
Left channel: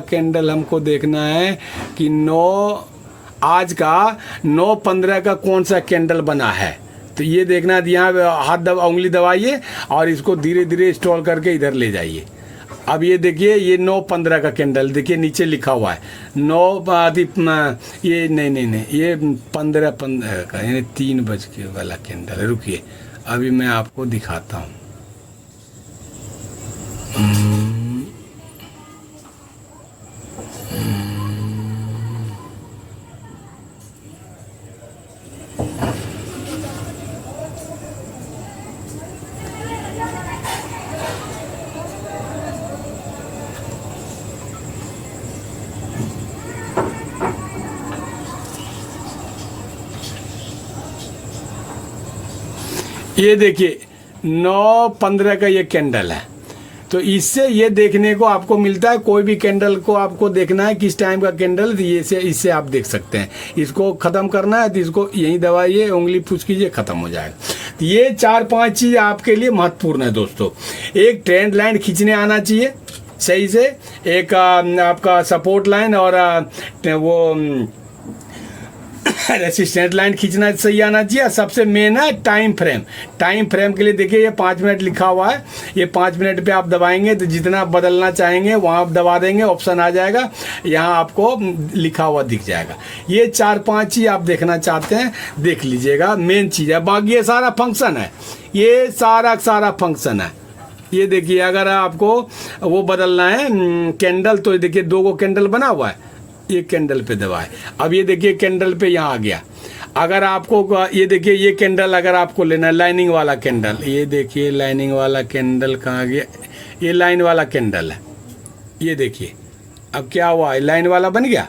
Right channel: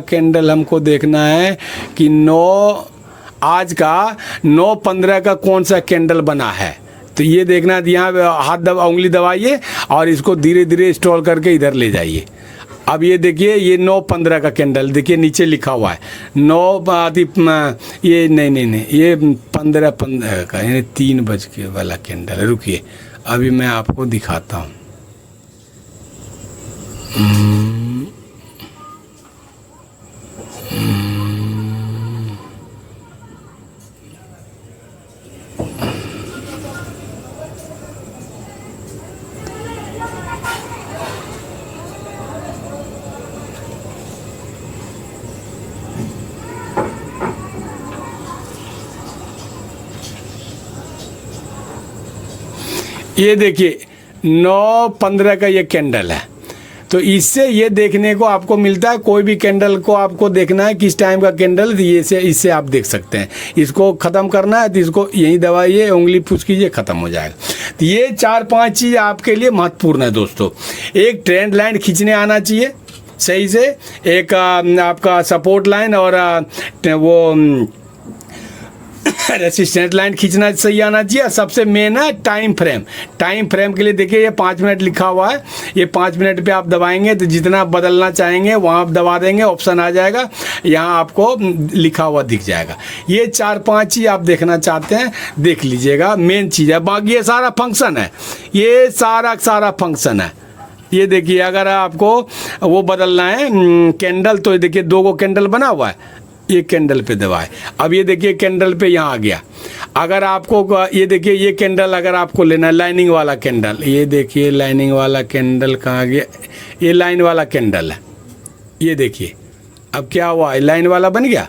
कैंडल हमको देखना है कि आज का 9:15 का कौन सा कैंडल बना है। तो ये देखना है, यहाँ उंगली दबाइए और इसको धीरे धीरे स्क्रॉल करके इधर ले जाइए। अब ये देखिए, ये 9:15 का कैंडल देखिए, नीचे लिखा हुआ है 9 ये नहीं ये 15 का, यानी 3 बजे वाला कैंडल। रुकिए, अभी मैं आपको दिखाता हूँ। ये देखिए 9:15 का ये कैंडल है। तो इससे ये देखने को आपको मिलता है, कोई भी कैंडल को आपको देखना है किस टाइम का कैंडल, ये से इससे आप देख सकते हैं। इसको ख़त्म करना है तो इसको यहीं दबाइए, उंगली पुश कीजिए, ख़त्म हो जाएगा। तो ये 4-5 चीज़ आपके लिए महत्वपूर्ण है दोस्तों। एक ट्रेंड लाइन खींचने आना चाहिए सही से, एक आपका सपोर्ट लाइन और वो रेसिस्टेंस लाइन खींचना सही आना चाहिए। सबसे मेन है टाइम फ्रेम। टाइम फ्रेम के लिए देखिए ये 5 मिनट लिखा हुआ है, ये 5 मिनट पे आप दबाएंगे तो जितना आप बदलना चाहेंगे वहाँ आप दबा देंगे, ऑप्शन आ जाएगा, यहाँ आपको लिखा हुआ दिख जाएगा। ये 4-5 चीज़ आप देखना चाहते हैं देख लीजिएगा, मेन चीज़ है। बाकी ये सारा फंक्शन है, ये सारा फंक्शन है। ये देखिए अगर आपको वो बदलना है कैंडल, तो देखिए 2 को कैंडल बना हुआ है, ये कैंडल पे दबाए। अब ये देखिए कैंडल पे यहाँ आ गया। अगर आपको ये देखिए ये कैंडल अगर आपको लेना, लाइनिंग वाला कैंडल, ये देखिए लाइनिंग वाला कैंडल कहाँ गया, ये लाइन वाला कैंडल है। ये देखिए अब क्या हुआ, लाइन वाला बन गया,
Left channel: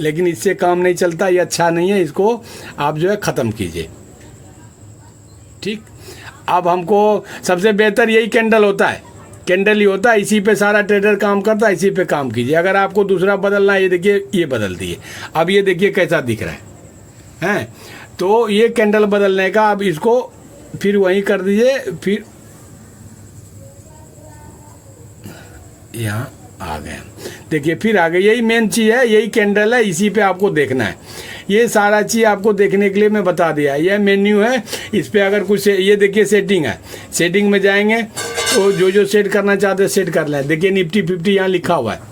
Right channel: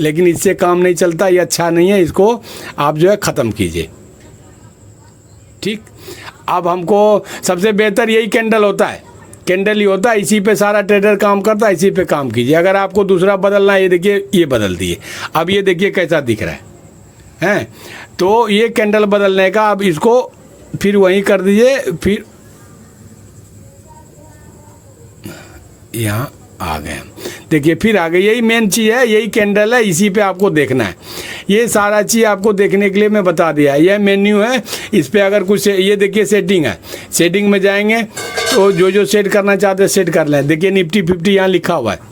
लेकिन इससे काम नहीं चलता, ये अच्छा नहीं है, इसको आप जो है ख़त्म कीजिए। ठीक, अब हमको सबसे बेहतर यही कैंडल होता है, कैंडल ही होता है, इसी पे सारा ट्रेडर काम करता है, इसी पे काम कीजिए। अगर आपको दूसरा बदलना है, ये देखिए ये बदल दिए। अब ये देखिए कैसा दिख रहा है हैं, तो ये कैंडल बदलने का, अब इसको फिर वहीं कर दीजिए, फिर यहाँ आ गए, देखिए फिर आ गए। यही मेन चीज़ है, यही कैंडल है, इसी पे आपको देखना है। ये सारा चीज़ आपको देखने के लिए मैं बता दिया। यह मेन्यू है, इस पे अगर कुछ ये देखिए सेटिंग है, सेटिंग में जाएंगे तो जो सेट करना चाहते हैं सेट कर लें। देखिए निफ्टी 50 यहाँ लिखा हुआ है,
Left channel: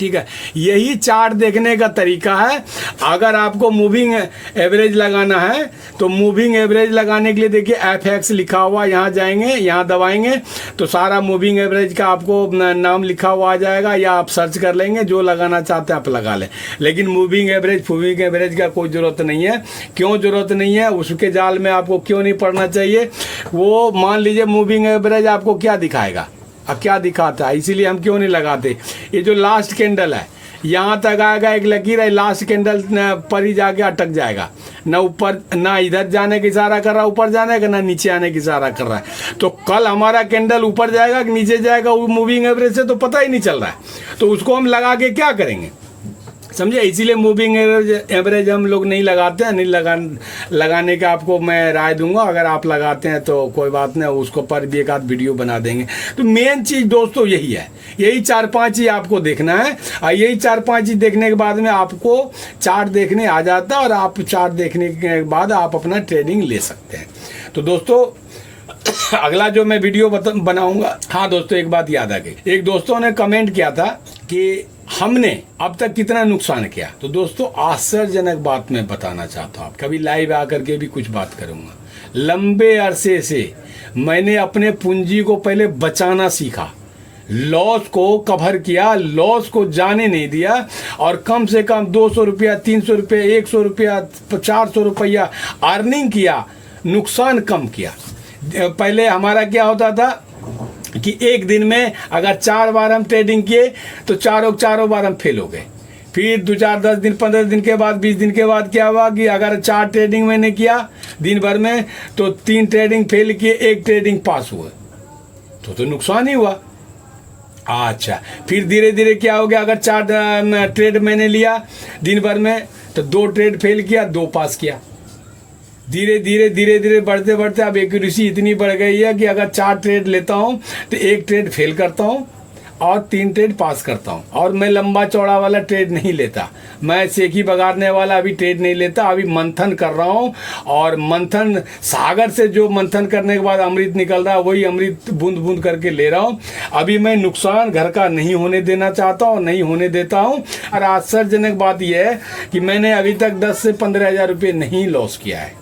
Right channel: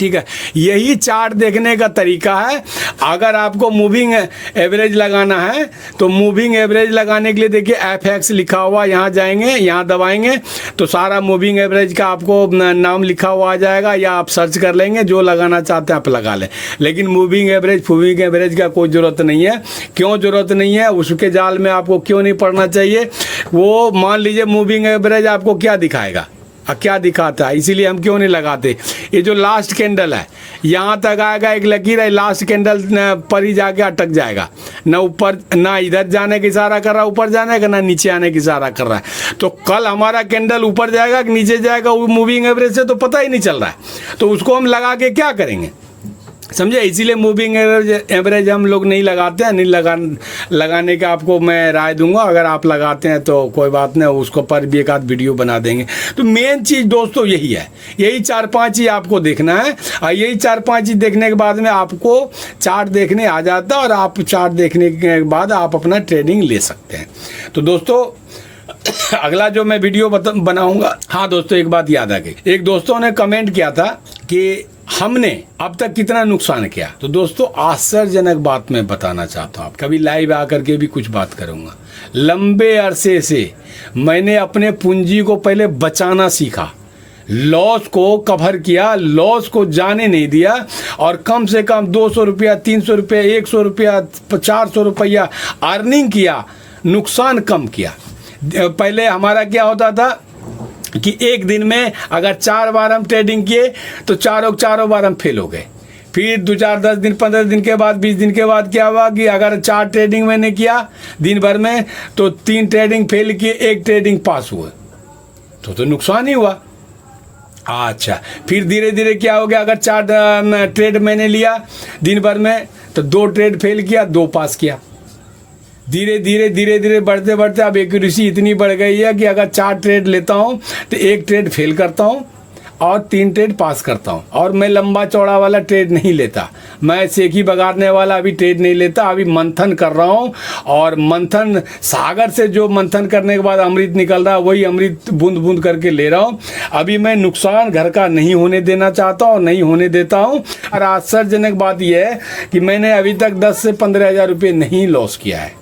ठीक है। यही चार्ट देखने का तरीका है। अगर आपको मूविंग एवरेज लगाना है तो मूविंग एवरेज लगाने के लिए देखिए FX लिखा हुआ, यहाँ जाएंगे, यहाँ दबाएंगे तो सारा मूविंग एवरेज का आपको नाम लिखा हुआ आ जाएगा, या आप सर्च कर लेंगे, जो लगाना चाहते हैं आप लगा लें। लेकिन मूविंग एवरेज का कोई ज़रूरत नहीं है। क्यों ज़रूरत नहीं है, उसके जाल में आपको क्यों नहीं पढ़ना चाहिए। वो मान लीजिए मूविंग एवरेज आपको क्या दिखाएगा, अब क्या दिखाता है, इसीलिए हम क्यों नहीं लगाते। ये जो लास्ट कैंडल है यहाँ तक आएगा, एक लकीर है, लास्ट कैंडल पर ही जाके अटक जाएगा, ना ऊपर, ना इधर जाने की इशारा कर रहा है ऊपर जाने का, ना नीचे आने की इशारा कर रहा है। तो कल हमारा कैंडल ऊपर जाएगा कि नीचे जाएगा, वो मूविंग एवरेज से तो पता ही नहीं चल रहा है। तो उसको हम लगा के क्या करेंगे, समझे। इसीलिए मूविंग एवरेज हम लोग नहीं लगाते हैं। नहीं लगाने का आपको मैं राय दूंगा। अगर आप लगाते हैं तो कोई बात नहीं, उसको पर भी एक आध वीडियो बना देंगे। तो मेन चीज़ दोस्तों यही है, यही 4-5 चीज़ आपको देखना है, और यही 4-5 चीज़ देखने के बाद में आपको चार्ट देखने आ जाता है, और आप चार्ट देखने के बाद आप अपना ट्रेडिंग ले सकते हैं। तो दोस्तों अगला जो मैं वीडियो बनाऊंगा, हाँ दोस्तों एक बात याद आ गई, एक दोस्तों ने कमेंट किया था कि हमने अब तक कितना नुकसान किया। तो दोस्तों आश्चर्यजनक बात मैं बताना चाहता हूँ, कभी लाइव आकर के भी कुछ बात करूंगा। लंबे अरसे से मैंने अपने पूंजी को पहले बचाना सीखा, लॉस को कवर किया, लॉस को जाने नहीं दिया, और कम से कम 200 रुपया, 300 रुपया, 100 रुपया, 400 रुपया अर्निंग किया, नुकसान कम किया। पहले हमारा क्या होता था कि एक दिन में अगर 4 बार हम ट्रेडिंग किए तो चारों बार हम फेल हो गए। फिर 2, 4, 10 दिन, 15 दिन के बाद, 20 दिन के बाद क्या हुआ कि अगर 4 ट्रेडिंग मैंने किया दिन भर में तो 3 ट्रेडिंग फेल किए, 1 ट्रेडिंग पास हुआ, तो नुकसान ही हुआ। अच्छा, फिर धीरे धीरे क्या हो गया, अगर 4 ट्रेड मैंने लिया दिन भर में तो 2 ट्रेड फेल किया, 2 पास किया। धीरे धीरे बढ़ते बढ़ते अब एक्यूरेसी इतनी बढ़ गई है कि अगर 4 ट्रेड लेता हूँ तो 1 ट्रेड फेल करता हूँ और 3 ट्रेड पास करता हूँ। और मैं लंबा चौड़ा वाला ट्रेड नहीं लेता, मैं सेकी बगाड़ने वाला अभी ट्रेड नहीं लेता। अभी मंथन कर रहा हूँ, और मंथन सागर से जो मंथन करने के बाद अमृत निकल रहा है वही अमृत बूंद बूंद करके ले रहा हूँ। अभी मैं नुकसान घर का नहीं होने देना चाहता और नहीं होने देता हूँ। और आश्चर्यजनक बात यह है कि मैंने अभी तक 10 से 15 हज़ार रुपये नहीं लॉस किया है।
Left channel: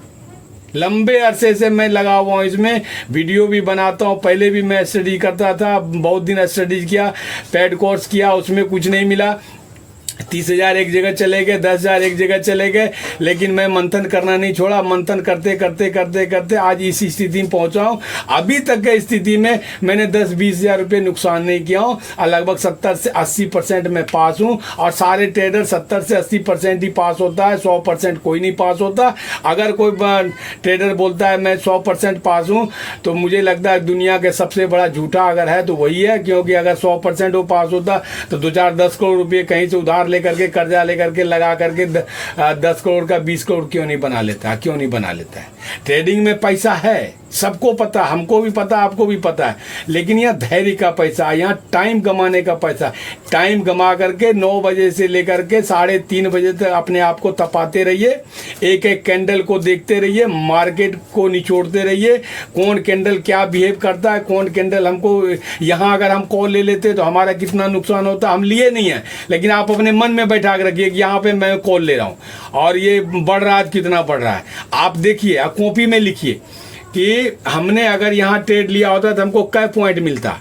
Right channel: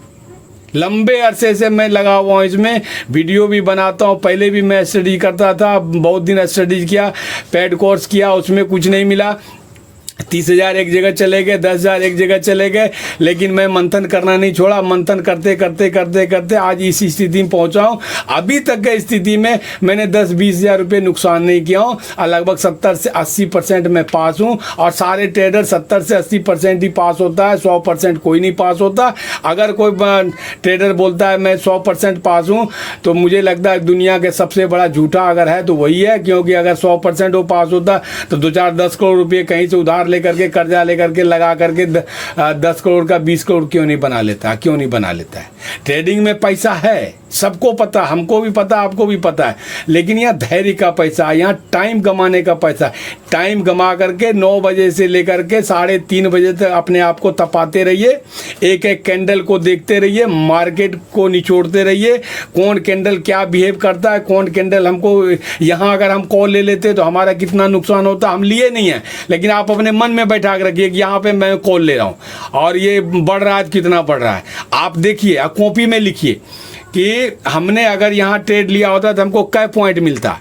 लंबे अरसे से मैं लगा हुआ हूँ इसमें, वीडियो भी बनाता हूँ। पहले भी मैं स्टडी करता था, बहुत दिन स्टडी किया, पेड कोर्स किया, उसमें कुछ नहीं मिला। 30,000 एक जगह चले गए, 10,000 एक जगह चले गए, लेकिन मैं मंथन करना नहीं छोड़ा। मंथन करते करते करते करते आज इस स्थिति में पहुंचा हूं। अभी तक की स्थिति में मैंने 10-20 हजार रुपये नुकसान नहीं किया हूं और लगभग 70 से 80% मैं पास हूं। और सारे ट्रेडर 70 से 80% ही पास होता है, 100% कोई नहीं पास होता। अगर कोई ट्रेडर बोलता है मैं 100% पास हूं, तो मुझे लगता है दुनिया के सबसे बड़ा झूठा अगर है तो वही है। क्योंकि अगर 100% वो पास होता तो 2-4-10 करोड़ रुपये कहीं से उधार लेकर के, कर्जा लेकर के, लगा करके 10 करोड़ का 20 करोड़ क्यों नहीं बना लेता, क्यों नहीं बना लेता है। ट्रेडिंग में पैसा है, सबको पता, हमको भी पता, आपको भी पता है, लेकिन यहाँ धैर्य का पैसा, यहाँ टाइम कमाने का पैसा। टाइम कमा करके 9 बजे से लेकर के 3:30 बजे तक अपने आप को तपाते रहिए, एक एक कैंडल को देखते रहिए, मार्केट को निचोड़ते रहिए, कौन कैंडल क्या बिहेव करता है, कौन कैंडल हमको। यहाँ अगर हम कॉल ले लेते तो हमारा कितना नुकसान होता, हम लिए नहीं है, लेकिन आप अपने मन में बैठा के रखिए कि यहाँ पे मैं कॉल ले रहा हूँ और ये बढ़ रहा है, कितना बढ़ रहा है। आप देखिए, कॉपी में लिखिए कि हमने अगर यहाँ ट्रेड लिया होता तो हमको क्या पॉइंट मिलता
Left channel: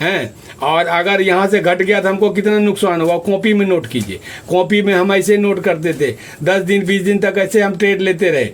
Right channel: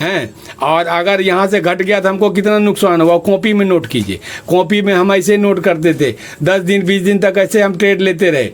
है, और अगर यहाँ से घट गया तो हमको कितना नुकसान हुआ, कॉपी में नोट कीजिए। कॉपी में हम ऐसे नोट करते थे, 10 दिन 20 दिन तक ऐसे हम ट्रेड लेते रहे,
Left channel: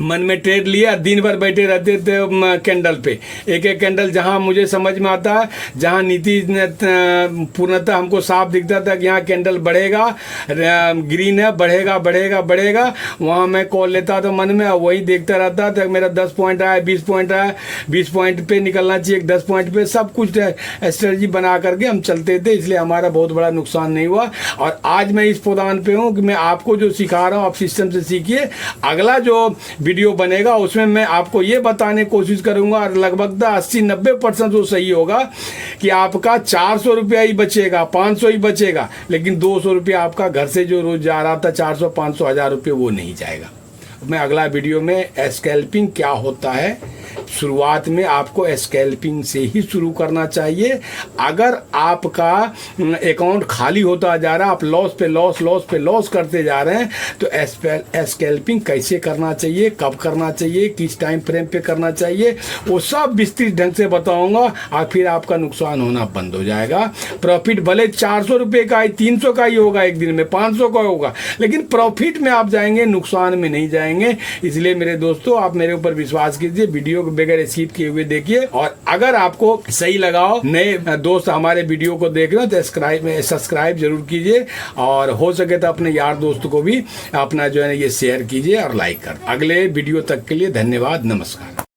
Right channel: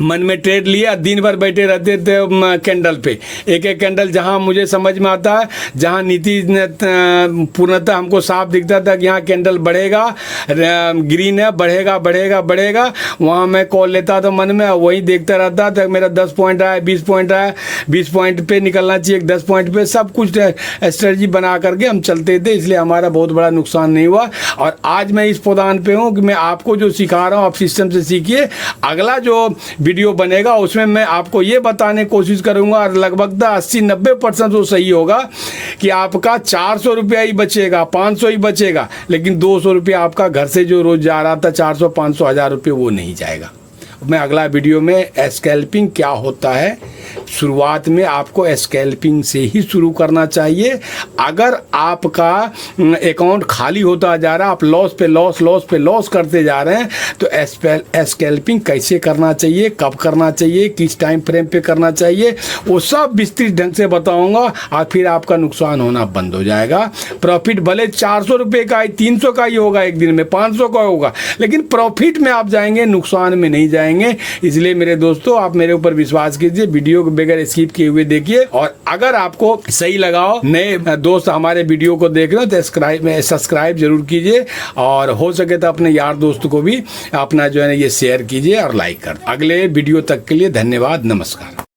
मन में ट्रेड लिया, दिन भर बैठे रहते थे कैंडल पे। एक एक कैंडल जहां मुझे समझ में आता है, जहां नीति पूर्णतः हमको साफ दिखता था कि यहाँ कैंडल बढ़ेगा, ग्रीन है, बढ़ेगा बढ़ेगा बढ़ेगा, वहां मैं कॉल लेता था मन में, वही देखता रहता था। मेरा 10 पॉइंट आया, 20 पॉइंट आया, 20 पॉइंट पे निकलना चाहिए, 10 पॉइंट पे, सब कुछ स्ट्रेटजी बना करके हम चलते थे, इसलिए हमारा बहुत बड़ा नुकसान नहीं हुआ। और आज मैं इस पौधान पे हूँ कि मैं आपको जो सिखा रहा हूँ आप सिस्टम से सीखिए। अगला जो वीडियो बनेगा उसमें मैं आपको ये बताने की कोशिश करूंगा, और लगभग 80-90% वो सही होगा कि आपका 400 रुपया ही बचेगा, 500 ही बचेगा, लेकिन 200 रुपया आपका घर से जो रोज जा रहा था 400, 500, 1000 रुपये वो नहीं जाएगा। मैं अगला वीडियो में स्कैल्पिंग क्या होता है, शुरुआत में आपको स्कैल्पिंग से ही शुरू करना चाहिए। अगर आपका अकाउंट खाली होता जा रहा है, आप लॉस पे लॉस, लॉस पे लॉस करते जा रहे हैं, तो स्कैल्पिंग कैसे करना चाहिए, कब करना चाहिए, किस टाइम फ्रेम पे करना चाहिए, वो सब विस्तृत ढंग से बताऊंगा। और फिर आपका नुकसान होना बंद हो जाएगा। प्रॉफिट भले 400 रुपये का, 300 का ही होगा एक दिन में, 500 का होगा, लेकिन प्रॉफिट में आप जाएंगे, नुकसान में नहीं जाएंगे। इसलिए मेरे दोस्तों, आप मेरे ऊपर विश्वास कीजिए, वीडियो को बगैर स्किप किए हुए देखिए। और अगर आपको सही लगा हो, नए दोस्त हमारे वीडियो को देख रहे हो तो सब्सक्राइब जरूर कीजिए, और हो सके तो अपने यार दोस्त को भी अपना जो है ये शेयर कीजिए और लाइक कर। अगले वीडियो तक के लिए धन्यवाद, नमस्कार।